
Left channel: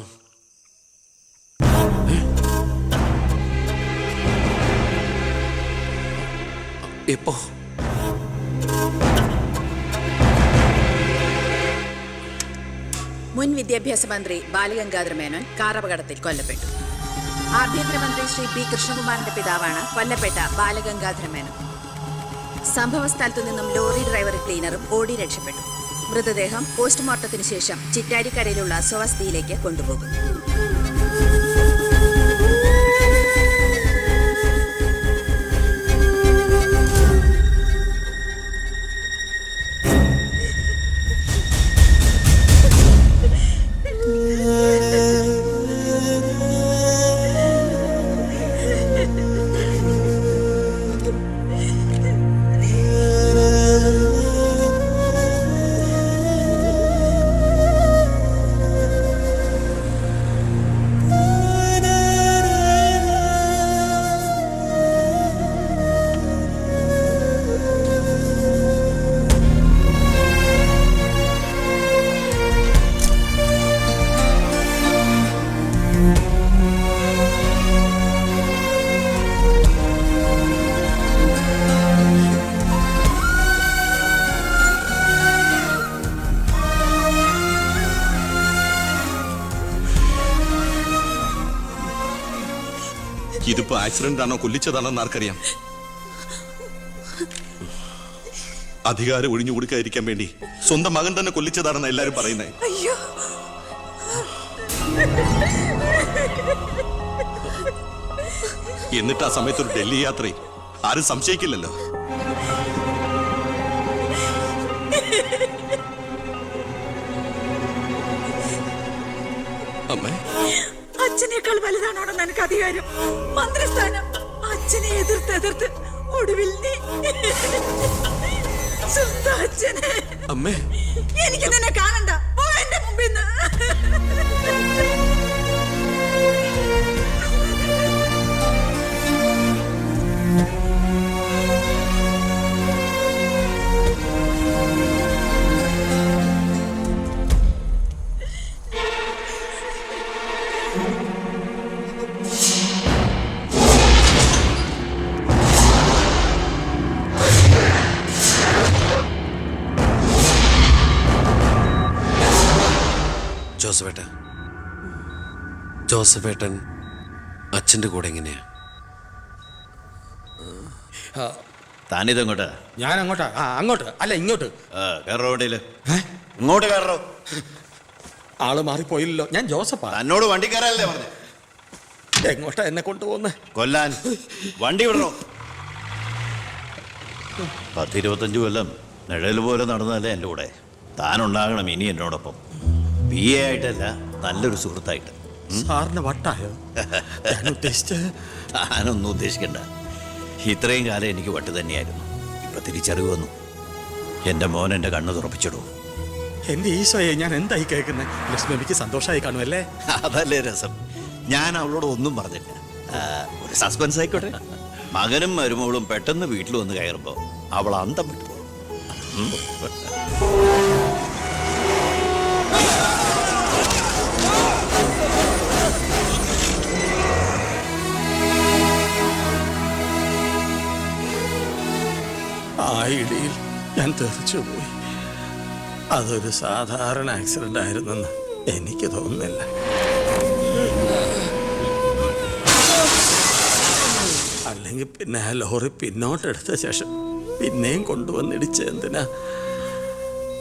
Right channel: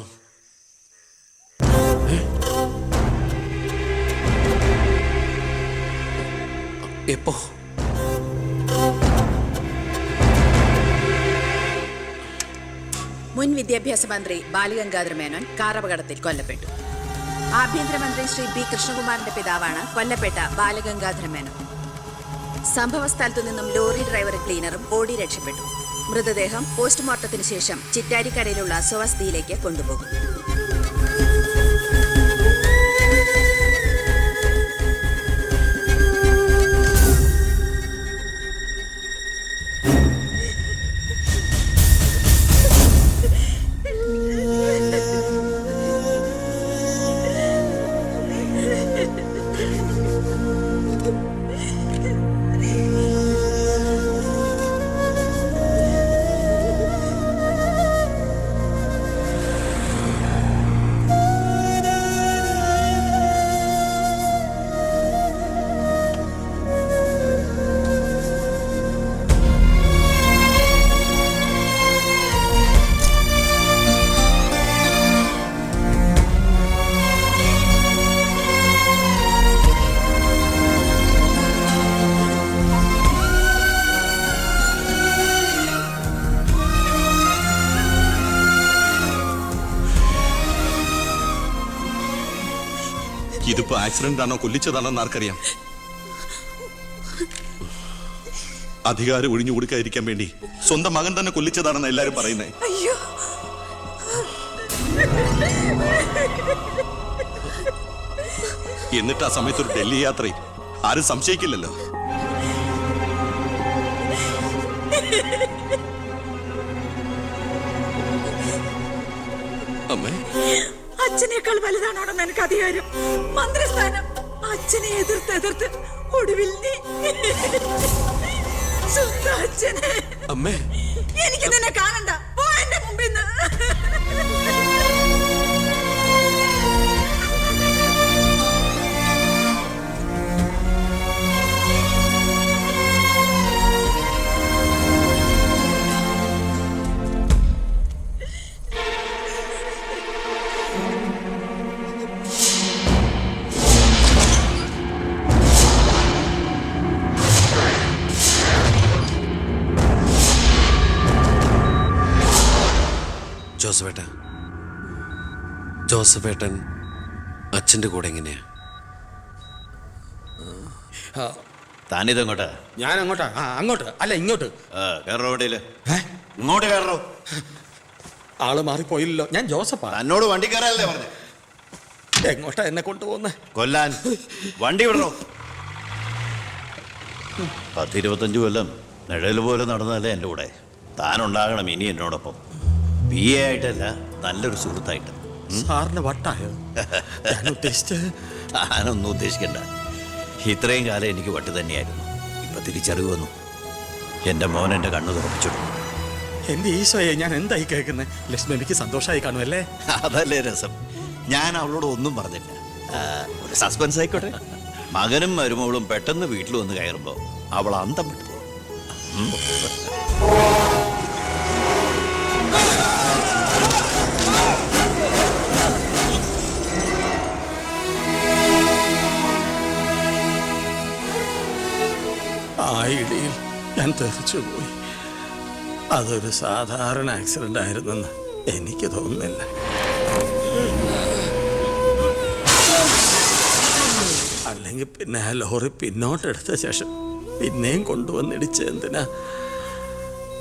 എപ്പോ? മുൻ വിദ്യാഭ്യാസ മന്ത്രി ബാലഗംഗാധര മേനോൻ കാറപകടത്തിൽ കൊല്ലപ്പെട്ടു. ആഭ്യന്തരമന്ത്രി ശ്രീ ബി കൃഷ്ണകുമാറിന്റെ പിതാവാണ് കൊല്ലപ്പെട്ട ബാലഗംഗാധര മേനോൻ. സംഭവ സ്ഥലത്തു നിന്നും ലോറി ഡ്രൈവറും ക്ലീനറും ഓടി രക്ഷപ്പെട്ടു. മൃതദേഹം പോസ്റ്റ്മോർട്ടത്തിന് ശേഷം ചിറ്റാരിക്കരയിലുള്ള സ്വവസതിയിലേക്ക് കൊണ്ടുപോകും. ഇതിപ്പോ ആക്സിഡന്റ് ആണോ കൊല്ലിച്ചതാണോ എന്ന് ആർക്കറിയാം. അധികാരം ഒഴിഞ്ഞു കൊടുക്കാതിരിക്കാൻ വേണ്ടി സ്വന്തം മകൻ തന്നെ കൊല്ലിച്ചതാണെന്ന് എല്ലാരും പറയുന്നേ. എന്നിട്ട് ആ സമയത്ത് ഒരു ഡൽഹി യാത്രയിൽ ആരും സംശയിക്കില്ലല്ലോ. അമ്മേ, അച്ഛനേക്കാൾ വലുതാണോടെന്ന് എനിക്ക് അധികാരം. മന്ത്രിസ്ഥാനം അച്ഛനെ എതിർത്ത് ഒടുവിൽ നീ സ്വന്തം അച്ഛനെ. അമ്മേ, എനിക്ക് നിന്നെ കാണണ്ട. പോ എന്റെ മുമ്പിൽ നിന്ന്. ജോസഫേട്ടൻ അച്ഛൻ്റെ കൂടെ എങ്ങനെയാ? താനിതെങ്ങോട്ടാ? ഞാൻ അങ്ങോട്ടാ? അങ്ങോട്ട് അല്ല ഇങ്ങോട്ട്. കയറോ വണ്ടിയില്. ഇങ്ങോട്ട് കയറോ. ആള് മാറിപ്പോയില്ലല്ലോ. ഞാൻ ജോസഫാ. തന്നോട് വണ്ടി കയറാനല്ലേ പറഞ്ഞു? എങ്ങോട്ടാ എന്നെ കൊണ്ടുപോകുന്നേ? കൊല്ലാൻ. വണ്ടി വിടണോ? 10-25 കൊല്ലം നിഴൽ പോലെ നടന്നല്ലേ എൻ്റെ കൂടെ. താനുണ്ടാകണം ഇനി എന്നോടൊപ്പം. PA ആയിട്ടല്ല, നല്ലൊരു സുഹൃത്തായിട്ട്. സാറിന് വട്ടായോ? താനൊന്നും ഉദ്ദേശിക്കണ്ട. ഇത്രയും കാലം എനിക്ക് വട്ട് തന്നെയായിരുന്നു. ഇപ്പൊ ഇപ്പൊ തിരിച്ചറിവ് വന്നു. എന്റെ മോൻ എന്റെ കണ്ണു തുറപ്പിച്ചിടും. എന്റെ ഈശോയെ, ഞാൻ എന്തായി കേൾക്കുന്നത്? ലക്ഷ്മിക്ക് സന്തോഷമായി കാണുമല്ലേ? അതല്ലേ രസം. ഞാൻ അവളോട് ഒന്നും പറഞ്ഞില്ല. ഒരു സസ്പെൻസ് ആയിക്കോട്ടെ. മകനും മരുമകളും പെട്ടെന്ന് വീട്ടിൽ വന്ന് കയറുമ്പോ അവൾ അന്തം വിട്ടു. ആ ഇടിയിൽ ഞാൻ തെറിച്ചുപോയി. അതൊരു സാധാരണ ആക്സിഡന്റ് ആയിരുന്നെന്ന് എനിക്ക് തോന്നുന്നില്ല. അല്ലെങ്കിൽ പിന്നെ ആ ലോറി പിന്നോട്ടെടുത്ത ശേഷം പിന്നെയും കൊണ്ടുവന്നിടിച്ച എന്തിനാ?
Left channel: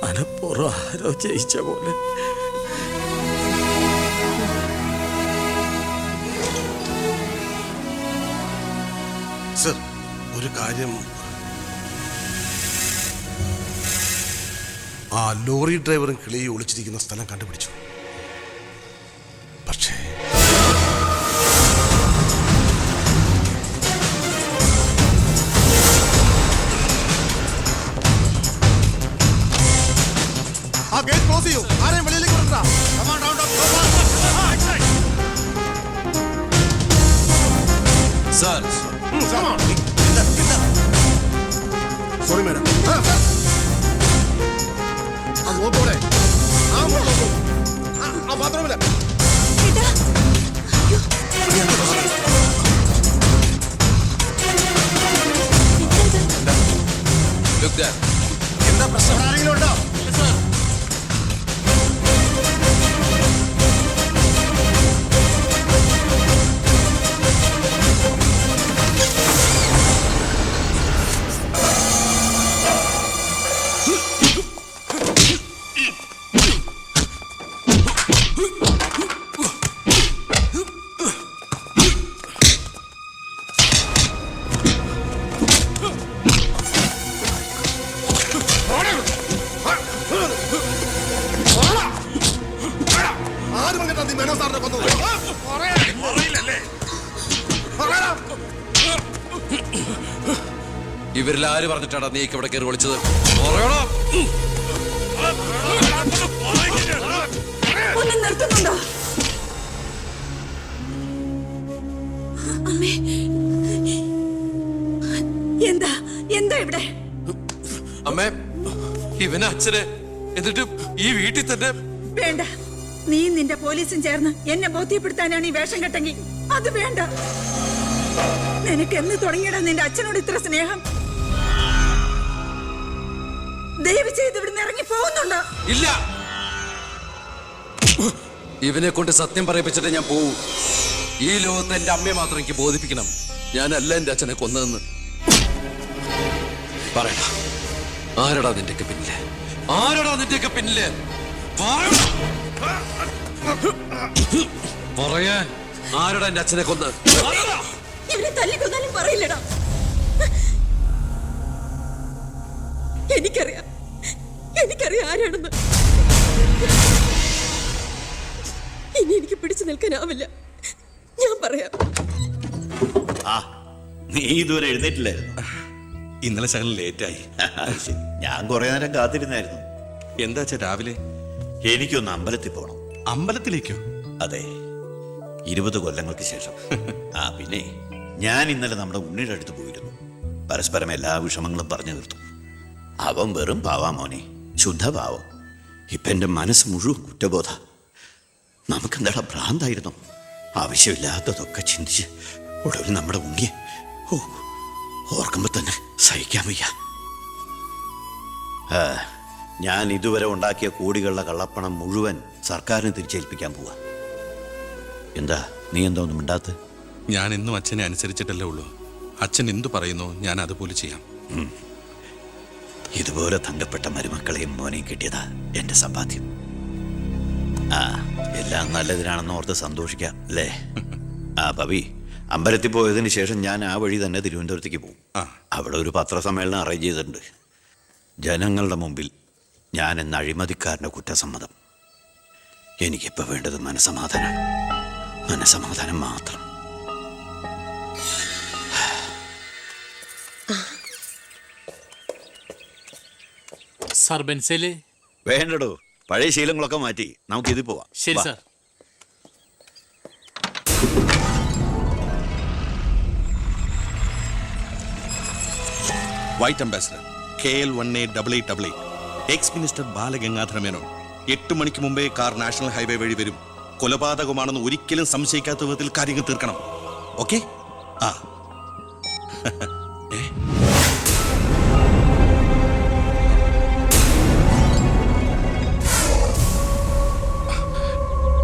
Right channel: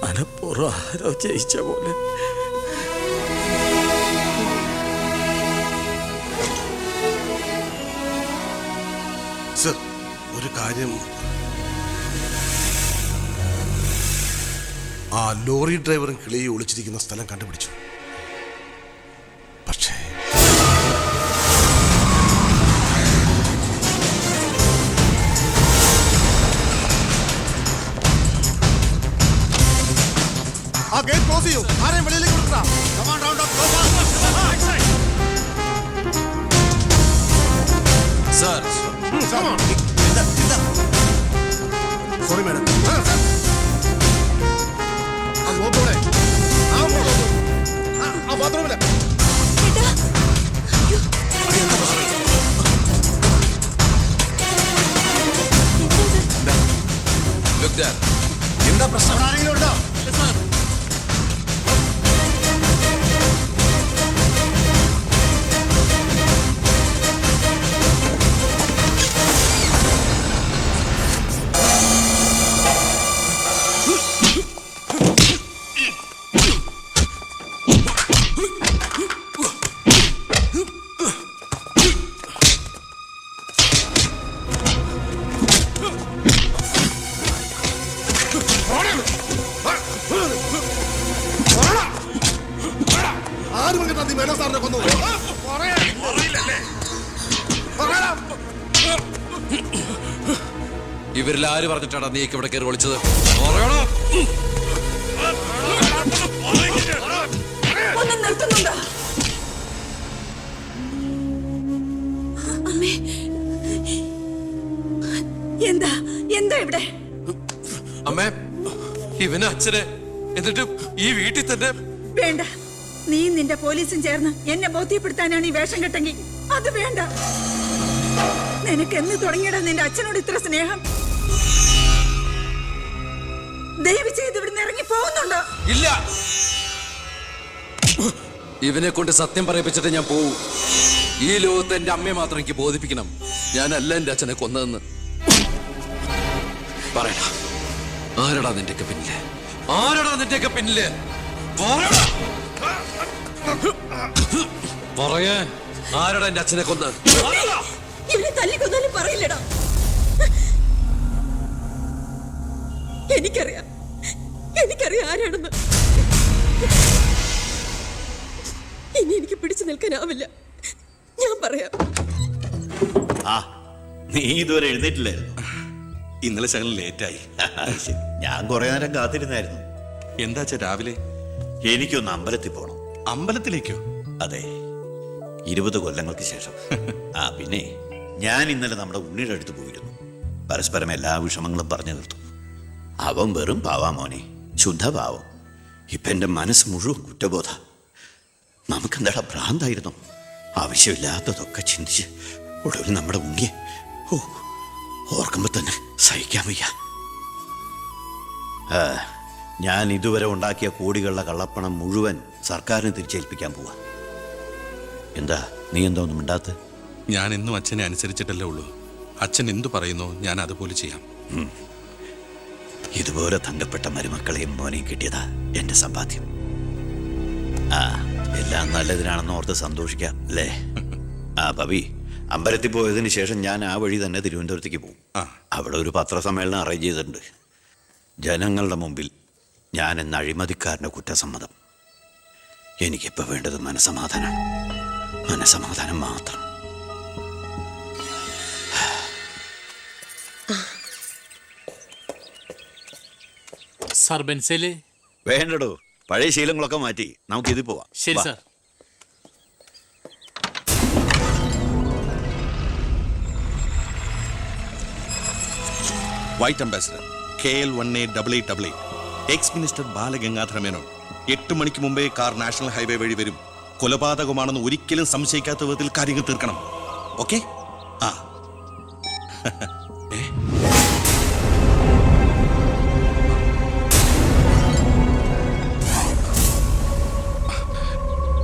മനപ്പൂർവ്വം ആരോ ജയിച്ച പോലെ. സർ, ഒരു കാര്യം, ആ ലോറി ഡ്രൈവറും കിളിയും ഒളിച്ചിരിക്കുന്ന സ്ഥലം കണ്ടുപിടിച്ചു. പക്ഷേ ആ ഗേറ്റ് ക്ലോസ് ചെയ്യൂ. ആരെയും വെളിയിലേക്ക് വിടണ്ട. Sorry madam. നോക്കോടെ ആ ബാത്റൂമില് എന്താ പ്രശ്നം? ആരെങ്കിലും ഉണ്ടോ? ഇവരിൽ ആര് പറഞ്ഞിട്ടാണ് നീ ഇവിടെ കയറി വിളിച്ചത്? നിർത്തുന്നുണ്ടോ? അമ്മേ, എന്താ എന്താ ഇവിടെ? അമ്മേ, ഇവന് അച്ഛനെ, എന്നിട്ട് ഈ വീട്ടിൽ തന്നെ. വേണ്ട, നീ നിന്റെ പോലീസും ചേർന്ന് എന്നെ ബോധ്യപ്പെടുത്താനാണ് ഈ വേഷം കെട്ടെങ്കിൽ അത് വേണ്ട. നിനക്ക് എന്ന് തുടങ്ങിയടാ നിന്റെ അച്ഛനോട് ഇത്ര സ്നേഹം? ദയവ് ചെയ്ത് ഇവിടുന്ന് ഇറങ്ങി പോകുന്നുണ്ടോ? ഇല്ല, ഇവനെ കൊണ്ട് സത്യം പറയിപ്പിച്ചിട്ട് ഞാൻ പോവൂ. ഈ ലോകത്ത് എന്റെ അമ്മയെ മാത്രം എനിക്ക് ബോധിപ്പിക്കണം ഞാനല്ല എന്റെ അച്ഛനെ കൊന്നതെന്ന്. പറയടാ, ആരടാ നിന്റെയൊക്കെ പിന്നില്? ആരടാ നിന്റെയൊക്കെ പിന്നില്? പറയാൻ ആരടാ എന്റെ അച്ഛനെ കൊന്ന്? ഇവനെ തല്ലിക്കൊന്നാലും പറയില്ലടാ. എനിക്കറിയാം ആരാണെന്ന്. ഇനി എനിക്ക് പിടിച്ചു നിൽക്കാനാവില്ല. ഞാൻ പറയാം. ആ, നീ ഇതുവരെ എഴുന്നേറ്റില്ലായിരുന്നു? ഇന്നലെ ശകലം ലേറ്റായി. ശരി, ഞാൻ കുറെ നേരം കാത്തിരുന്നായിരുന്നു. എന്താ രാവിലെ? എനിക്കൊന്ന് അമ്പലത്തിൽ പോകണം. അമ്പലത്തിലേക്കോ? അതെ, 20 കൊല്ലങ്ങൾക്ക് ശേഷം. ആ പിന്നെ ഞാൻ ഇന്നലെ നമ്മുടെ ഉണ്ണിയുടെ അടുത്ത് പോയിരുന്നു. പരസ്പരം എല്ലാ വിഷമങ്ങളും പറഞ്ഞു തീർത്തു. അവൻ വെറും പാവാ മോനെ, ശുദ്ധഭാവം. ഇപ്പൊ എന്റെ മനസ്സ് മുഴുവൻ കുറ്റബോധ. നമുക്കെന്താടാ ഭ്രാന്തായിരുന്നു? ആവശ്യമില്ലാത്തതൊക്കെ ചിന്തിച്ച് ഒടുവിൽ നമ്മുടെ ഉണ്ണിയെ ഓർക്കുമ്പോ തന്നെ സഹിക്കാൻ വയ്യ. ഞാൻ ഇതുവരെ ഉണ്ടാക്കിയ കോടികളുടെ കള്ളപ്പണം മുഴുവൻ സർക്കാരിന് തിരിച്ചേൽപ്പിക്കാൻ പോവാ. എന്താ നീ എന്താ ഒന്നും മിണ്ടാത്ത? ഞാൻ എന്നും അച്ഛനെ അനുസരിച്ചിട്ടല്ലേ ഉള്ളൂ. അച്ഛൻ എന്തു പറയുന്നോ ഞാൻ അതുപോലെ ചെയ്യാം. ഇതുപോലെ തങ്കപ്പെട്ട മരുമക്കളെയും മോനെയും കിട്ടിയതാ എന്റെ സമ്പാദ്യം. ആ, എല്ലാം നല്ലതിനാണെന്ന് ഓർത്ത് സന്തോഷിക്കാം അല്ലേ? ആ പവി, അമ്പലത്തിൽ പോയതിന് ശേഷം ഞാൻ ആ വഴി തന്നെ തിരുവനന്തപുരത്തേക്ക് പോകും. അവിടെ ഒരു പത്രസമ്മേളനം അറേഞ്ച് ചെയ്തിട്ടുണ്ട്. ജനങ്ങളുടെ മുമ്പിൽ ഞാൻ എന്ന അഴിമതിക്കാരൻ്റെ കുറ്റസമ്മതം. എനിക്കിപ്പോൾ വേണ്ടത് മനസമാധാനമാണ്. മനസമാധാനം മാത്രം. സാർ ബെൻസേല്. വേണ്ടടോ, പഴയ ശീലങ്ങളൊക്കെ മാറ്റി നമുക്ക് ഇതിൽ പോവാം. ശരി വാ. Sir. White ambassador KL1888 X minister Balagangadhara Menon 8 മണിക്ക് മുമ്പേ കാർ നാഷണൽ ഹൈവേ വഴി വരും. കൊലപാതകമാണെന്ന് ഒരിക്കലും സംശയിക്കാത്ത വിധത്തിൽ കാര്യങ്ങൾ തീർക്കണം. ഓക്കെ? ആ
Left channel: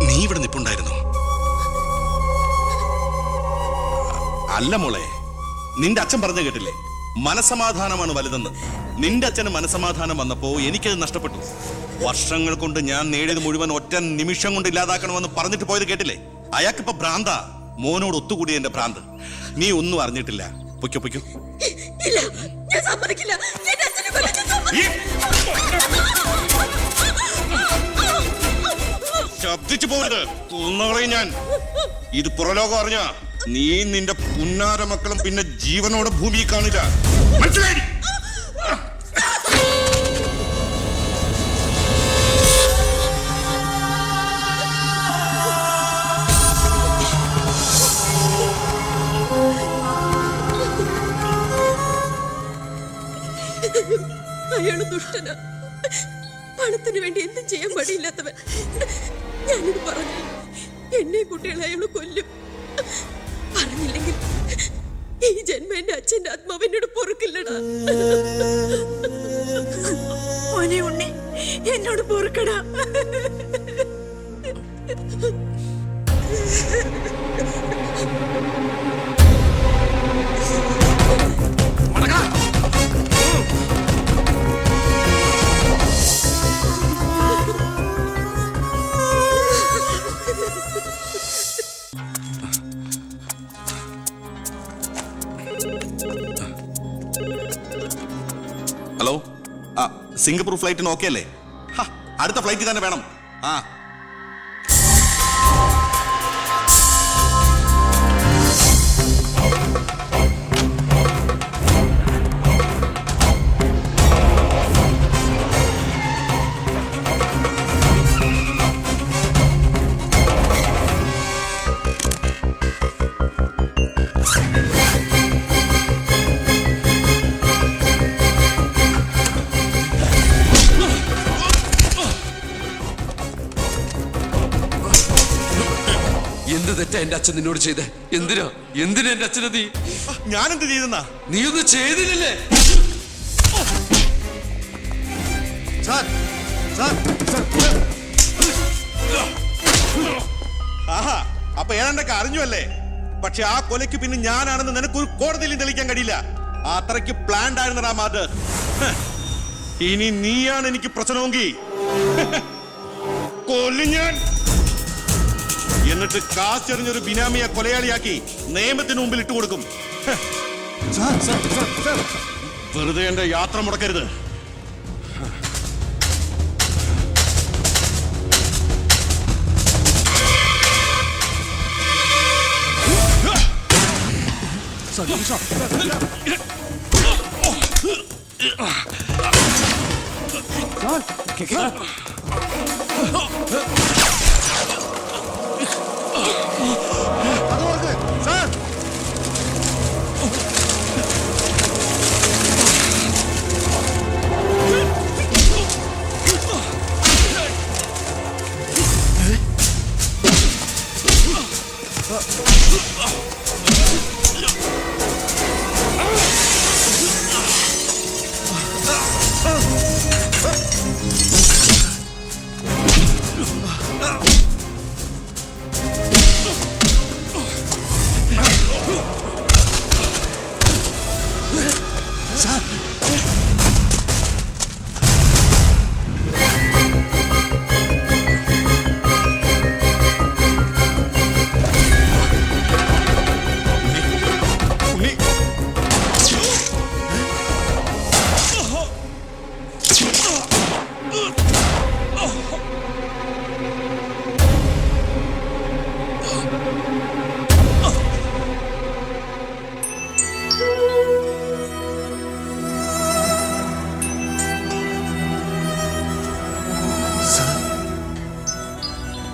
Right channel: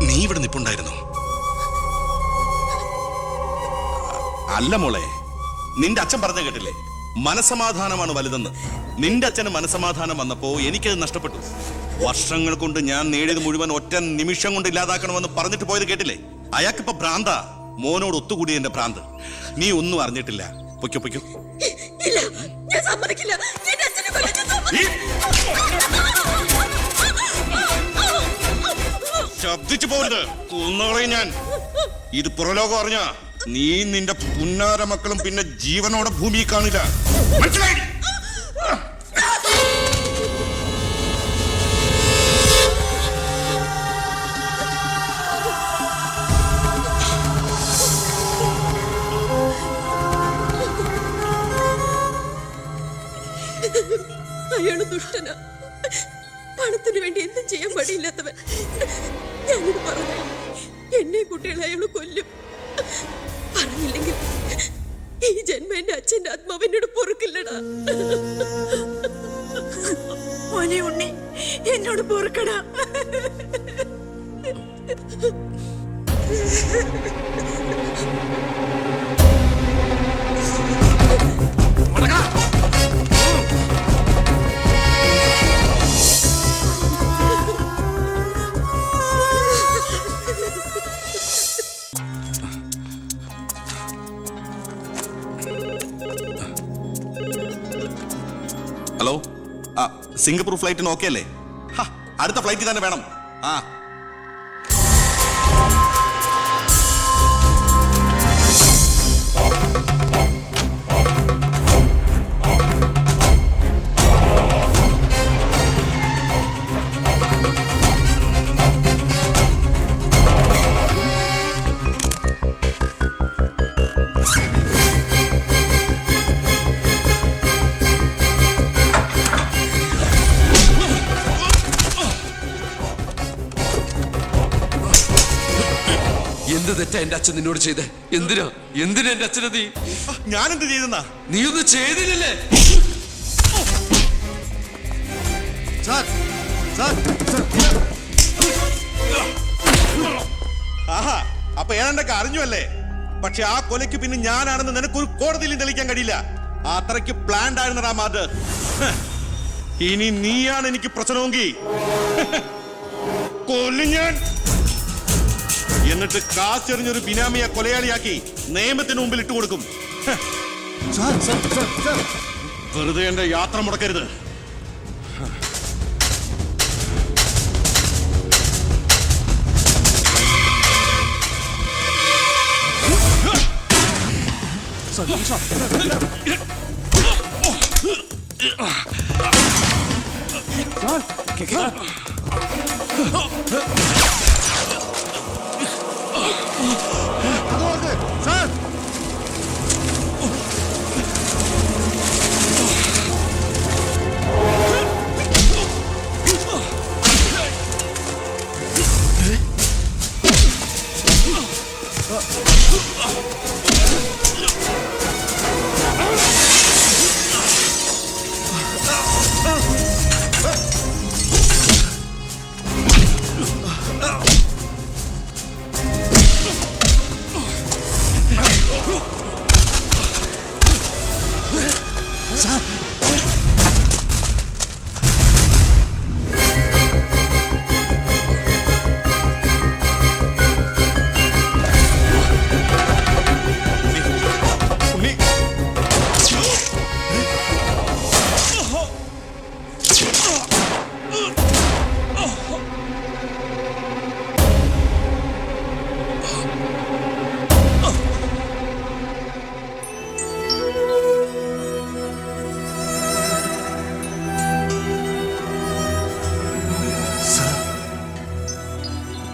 നീ ഇവിടെ നിപ്പുണ്ടായിരുന്നോ? അല്ല മോളെ, നിന്റെ അച്ഛൻ പറഞ്ഞു കേട്ടില്ലേ, മനസമാധാനമാണ് വലുതെന്ന്. നിന്റെ അച്ഛന് മനസമാധാനം വന്നപ്പോ എനിക്കത് നഷ്ടപ്പെട്ടു. വർഷങ്ങൾ കൊണ്ട് ഞാൻ നേടിയത് മുഴുവൻ ഒറ്റ നിമിഷം കൊണ്ട് ഇല്ലാതാക്കണമെന്ന് പറഞ്ഞിട്ട് പോയത് കേട്ടില്ലേ? അയാൾക്കിപ്പോ ഭ്രാന്ത. മോനോട് ഒത്തുകൂടി എന്റെ ഭ്രാന്ത്. നീ ഒന്നും അറിഞ്ഞിട്ടില്ല. പൊയ്ക്കോ പൊയ്ക്കോ. ശബ്ദിച്ചു പോരുത്, കൊന്നുകളയും ഞാൻ. ഇത് പുറലോകം അറിഞ്ഞ നീ നിന്റെ പുന്നാര മക്കളും പിന്നെ ജീവനോടെ ഭൂമിയിൽ കാണില്ല. മനസ്സിലായി? അയാള് ദുഷ്ടനാ. പണത്തിന് വേണ്ടി എന്തും ചെയ്യാൻ മടിയില്ലാത്തവൻ. ഞാനിത് പറഞ്ഞ എന്നെ കുട്ടികളെ അയാള് കൊല്ലും. പറഞ്ഞില്ലെങ്കിൽ ഈ ജന്മം എന്റെ അച്ഛന്റെ ആത്മാവിനോട് പൊറുക്കില്ലടാ. മോനെ ഉണ്ണി, എന്നോട് പൊറുക്കടാ. ഹലോ, ആ സിംഗപ്പൂർ ഫ്ലൈറ്റിന് ഓക്കെ അല്ലേ? അടുത്ത ഫ്ലൈറ്റിൽ തന്നെ വേണം. ആ എന്ത് തെറ്റാ എന്റെ അച്ഛൻ നിന്നോട് ചെയ്തേ? എന്തിനാ എന്റെ അച്ഛനെ നീ? ഞാനെന്ത് ചെയ്തെന്നാ? നീ ഒന്നും ചെയ്തില്ലല്ലേ? ആഹാ, അപ്പൊ ഏതാണ്ടൊക്കെ അറിഞ്ഞു അല്ലേ? പക്ഷെ ആ കൊലയ്ക്ക് പിന്നെ ഞാനാണെന്ന് നിനക്കൊരു കോടതിയിലും തെളിയിക്കാൻ കഴിയില്ല. അത്രയ്ക്ക് പ്ലാൻഡ് ആയിരുന്നടാ മാത്. ഇനി നീയാണ് എനിക്ക് പ്രശ്നമെങ്കിൽ കൊല്ലും ഞാൻ. എന്നിട്ട് കാശെറിഞ്ഞൊരു ബിനാമിയെ കൊലയാളിയാക്കി നിയമത്തിന് മുമ്പിൽ ഇട്ടുകൊടുക്കും. വെറുതെ എന്റെ യാത്ര മുടക്കരുത്.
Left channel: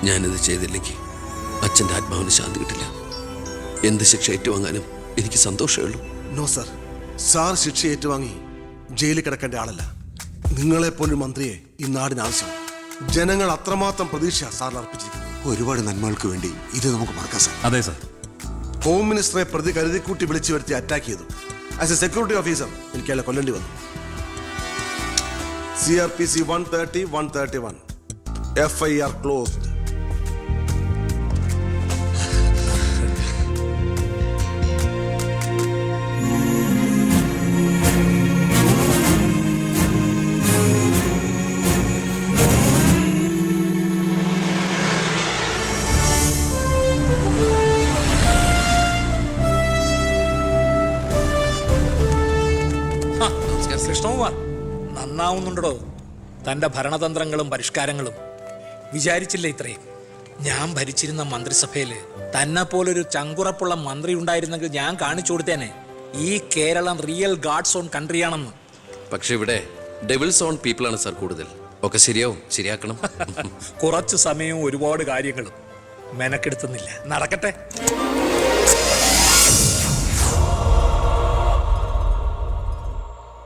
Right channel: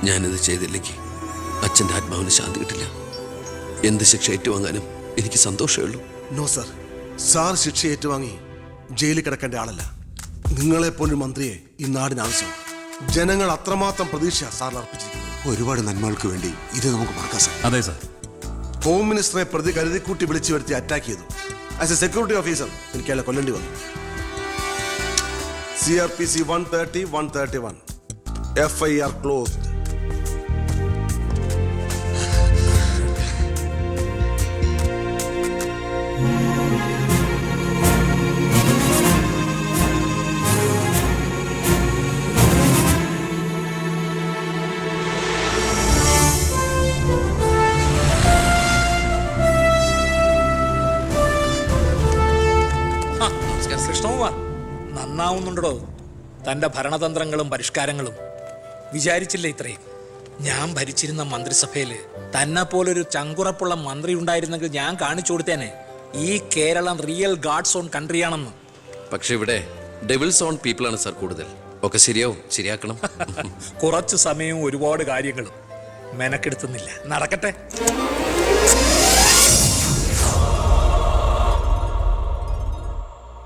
ഞാനിത് ചെയ്തില്ലെങ്കിൽ അച്ഛൻ്റെ ആത്മാവിന് ശാന്തി കിട്ടില്ല. എന്ത് ശിക്ഷ ഏറ്റുവാങ്ങാനും എനിക്ക് സന്തോഷമേ ഉള്ളൂ. നോ സർ, സാർ ശിക്ഷ ഏറ്റുവാങ്ങി ജയിലിൽ കിടക്കേണ്ട ആളല്ല. നിങ്ങളെപ്പോലൊരു മന്ത്രിയെ ഈ നാടിന് ആവശ്യമാണ്. ജനങ്ങൾ അത്രമാത്രം പ്രതീക്ഷ സാറിന് അർപ്പിച്ചിരിക്കുന്നു. ഒരുപാട് നന്മകൾക്ക് വേണ്ടി ഇത് നമുക്ക് മറക്കാം സാർ. അതെ സാർ. ഹോം മിനിസ്റ്ററെ പ്രതി കരുതിക്കൂട്ടി വിളിച്ചു വരുത്തി അറ്റാക്ക് ചെയ്തു. ആസ് എ സെക്യൂരിറ്റി ഓഫീസർ എനിക്ക് അയാളെ കൊല്ലേണ്ടി വന്നു. CRPC 130, 131. FIR closed. കൃഷ്ണകുമാർ നന്നാവുന്നുണ്ടോ? തന്റെ ഭരണതന്ത്രങ്ങളും പരിഷ്കാരങ്ങളും വിചാരിച്ചില്ല ഇത്രയും. ഞാൻ ഭരിച്ചിരുന്ന മന്ത്രിസഭയില് തന്നെ പോലൊരു ചങ്കുറപ്പുള്ള മന്ത്രി ഉണ്ടായിരുന്നെങ്കിൽ ഞാൻ കാണിച്ചു കൊടുത്തേനെ ഈ കേരളം റിയൽ ഗാഡ്സ് ഓൺ കൺട്രിയാണെന്ന്. പക്ഷെ ഇവിടെ ഡെവിൾസ് ഓൺ പീപ്പിളാണ് സാർ കൂടുതൽ. ഒക്കെ ശരിയാവും, ശരിയാക്കണം. കുറച്ചു സമയവും ഒരുപാട് കാര്യങ്ങളും മെനക്കെടുത്തുന്നില്ല. നടക്കട്ടെ.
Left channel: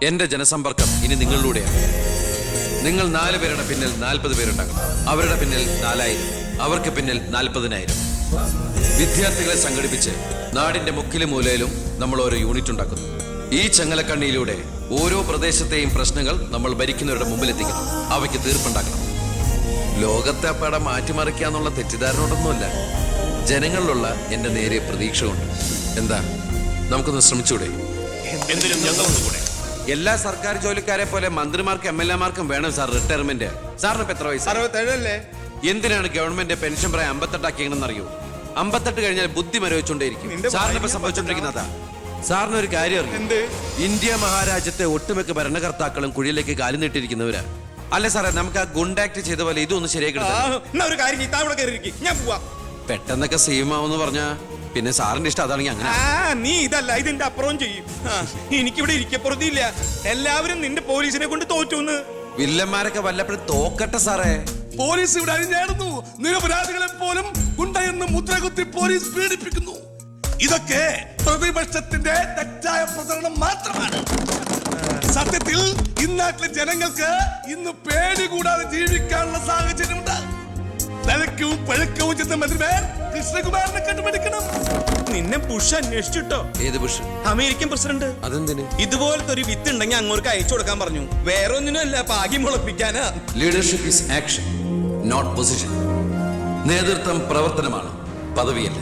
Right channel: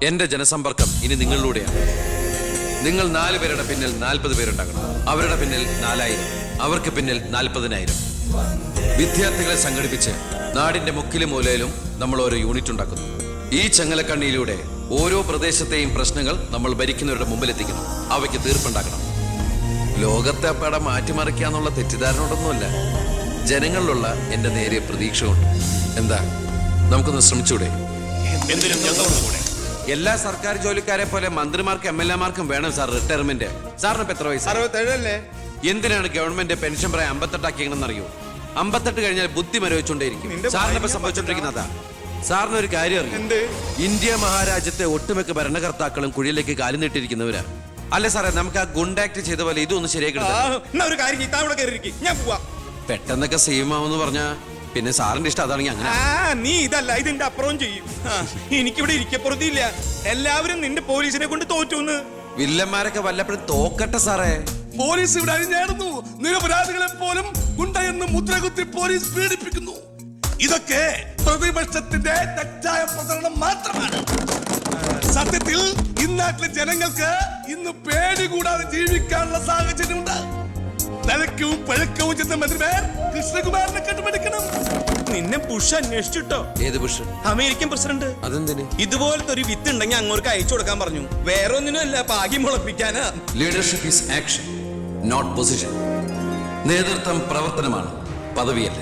എന്റെ ജനസമ്പർക്കം ഇനി നിങ്ങളിലൂടെയാണ്. നിങ്ങൾ 4 പേരുടെ പിന്നിൽ 40 പേരുണ്ടാകണം. അവരുടെ പിന്നിൽ 4000, അവർക്ക് പിന്നിൽ 40,000. വിദ്യാർത്ഥികളെ സംഘടിപ്പിച്ച് നാടിന്റെ മുക്കിലും മൂലയിലും നമ്മൾ ഓരോ യൂണിറ്റ് ഉണ്ടാക്കുന്നു. ഈ ചങ്ങലക്കണ്ണിയിലൂടെ ഓരോ പ്രദേശത്തെയും പ്രശ്നങ്ങൾ നമ്മൾ ഭരിക്കുന്നവരുടെ മുമ്പിലെത്തിക്കണം. അവയ്ക്ക് തീർപ്പുണ്ടാക്കണം. ലോകത്തെ അപ്പാടെ മാറ്റിമറിക്കാന്നുള്ള തെറ്റിദ്ധാരണയോടൊന്നുമല്ല, ജനങ്ങളിലുള്ള എന്റെ നേരിയ പ്രതീക്ഷ കൊണ്ട്. എന്താ, നമുക്കൊന്ന് ശ്രമിച്ചൂടെ? എല്ലാ സർക്കാർ ജോലിക്കാരെ പോലെ മന്ത്രിമാർക്കും MLA-മാർക്കും വേണം സാർ റിട്ടയർമെന്റ്. സാറിന് ഇപ്പൊ എത്ര വയസ്സ്? 67 അല്ലേ? എന്തിനാണ് ഗവൺമെന്റ് പെൻഷൻ പ്രായം 58 ആക്കിയെന്ന് അറിയോ? 58 കഴിഞ്ഞാൽ ബുദ്ധി മരവിച്ചുകൊണ്ടേയിരിക്കും. സാറിന് ഇപ്പൊ സംഭവിച്ചോണ്ടിരിക്കുന്നതാ. സാറിന് ഒരു കാര്യം അറിയാം, ഇന്ത്യ മഹാരാജ്യത്തെ ഒട്ടുമിക്ക ഭരണകർത്താക്കളും കുഴിയിലേക്ക് കാലു നീട്ടിയിരിക്കുന്നവരാ. അല്ലെ സാറേ, നമുക്ക് ആ ഗുണ്ടാക്ട് ചെയ്ത പോലെ ഇതൊന്ന് ശരിയാക്കി ഞാൻ പോവാ. പെട്ടെന്നൊക്കെ സീമാവെന്ന് പറഞ്ഞാ പിന്നെ സാറിന്റെ ഇഷ്ടം അതാണെങ്കിൽ അങ്ങനെ. നീ ഇതല്ല ഇതിന്റെ അപ്പുറം ചെയ്യും. എനിക്കിവിടെ ഇരിക്കപ്പുറത്തില്ല. എല്ലാവരും നിന്റെ പോലീസിനെ കൊണ്ട് തോറ്റുന്ന്. വില്ലന്മാരൊക്കെ വല്ലപ്പോഴും തോക്കട്ടെ സാറേ. പോലീസ് ഇവിടെ അഴിഞ്ഞാടുന്നു. നിരപരാധികളെ പോലും ഗുണ്ടയെന്ന് മുദ്രകുത്തി പോലീസ് പീഡിപ്പിക്കുന്നു. ഇതൊക്കെ പ്രതിപക്ഷത്തിന്റെ തെറ്റായ പ്രചരണം മാത്രമാണ്. സത്യത്തിൽ ഇന്നാട്ടിലെ ജനങ്ങൾക്ക് ഇന്ന് പേടി കൂടാതെ ജീവിക്കാനുള്ള സാഹചര്യമുണ്ട്. തലക്കവും പഴക്കവും ചെന്ന മന്ത്രിമാർ കൃഷ്ണകുമാറിനെ കണ്ടുപിടിക്കണം. നിന്നെ ബുഷ് അന്വേഷിച്ചിട്ടോ? ഏത് ബുഷ്? American president. അതെന്തിന്? ഇതുപോലത്തെ ഒരു വിത്ത് ഉണ്ടെങ്കിൽ അങ്ങോട്ട് അയച്ചു കൊടുക്കാൻ പറഞ്ഞു. വേറെ ഒന്നിനും അല്ല, ഭാഗ്യം മുളപ്പിക്കാനാ. Leadership is action, not position. നേതൃത്വം പ്രവർത്തനമാണ്, പദവിയല്ല.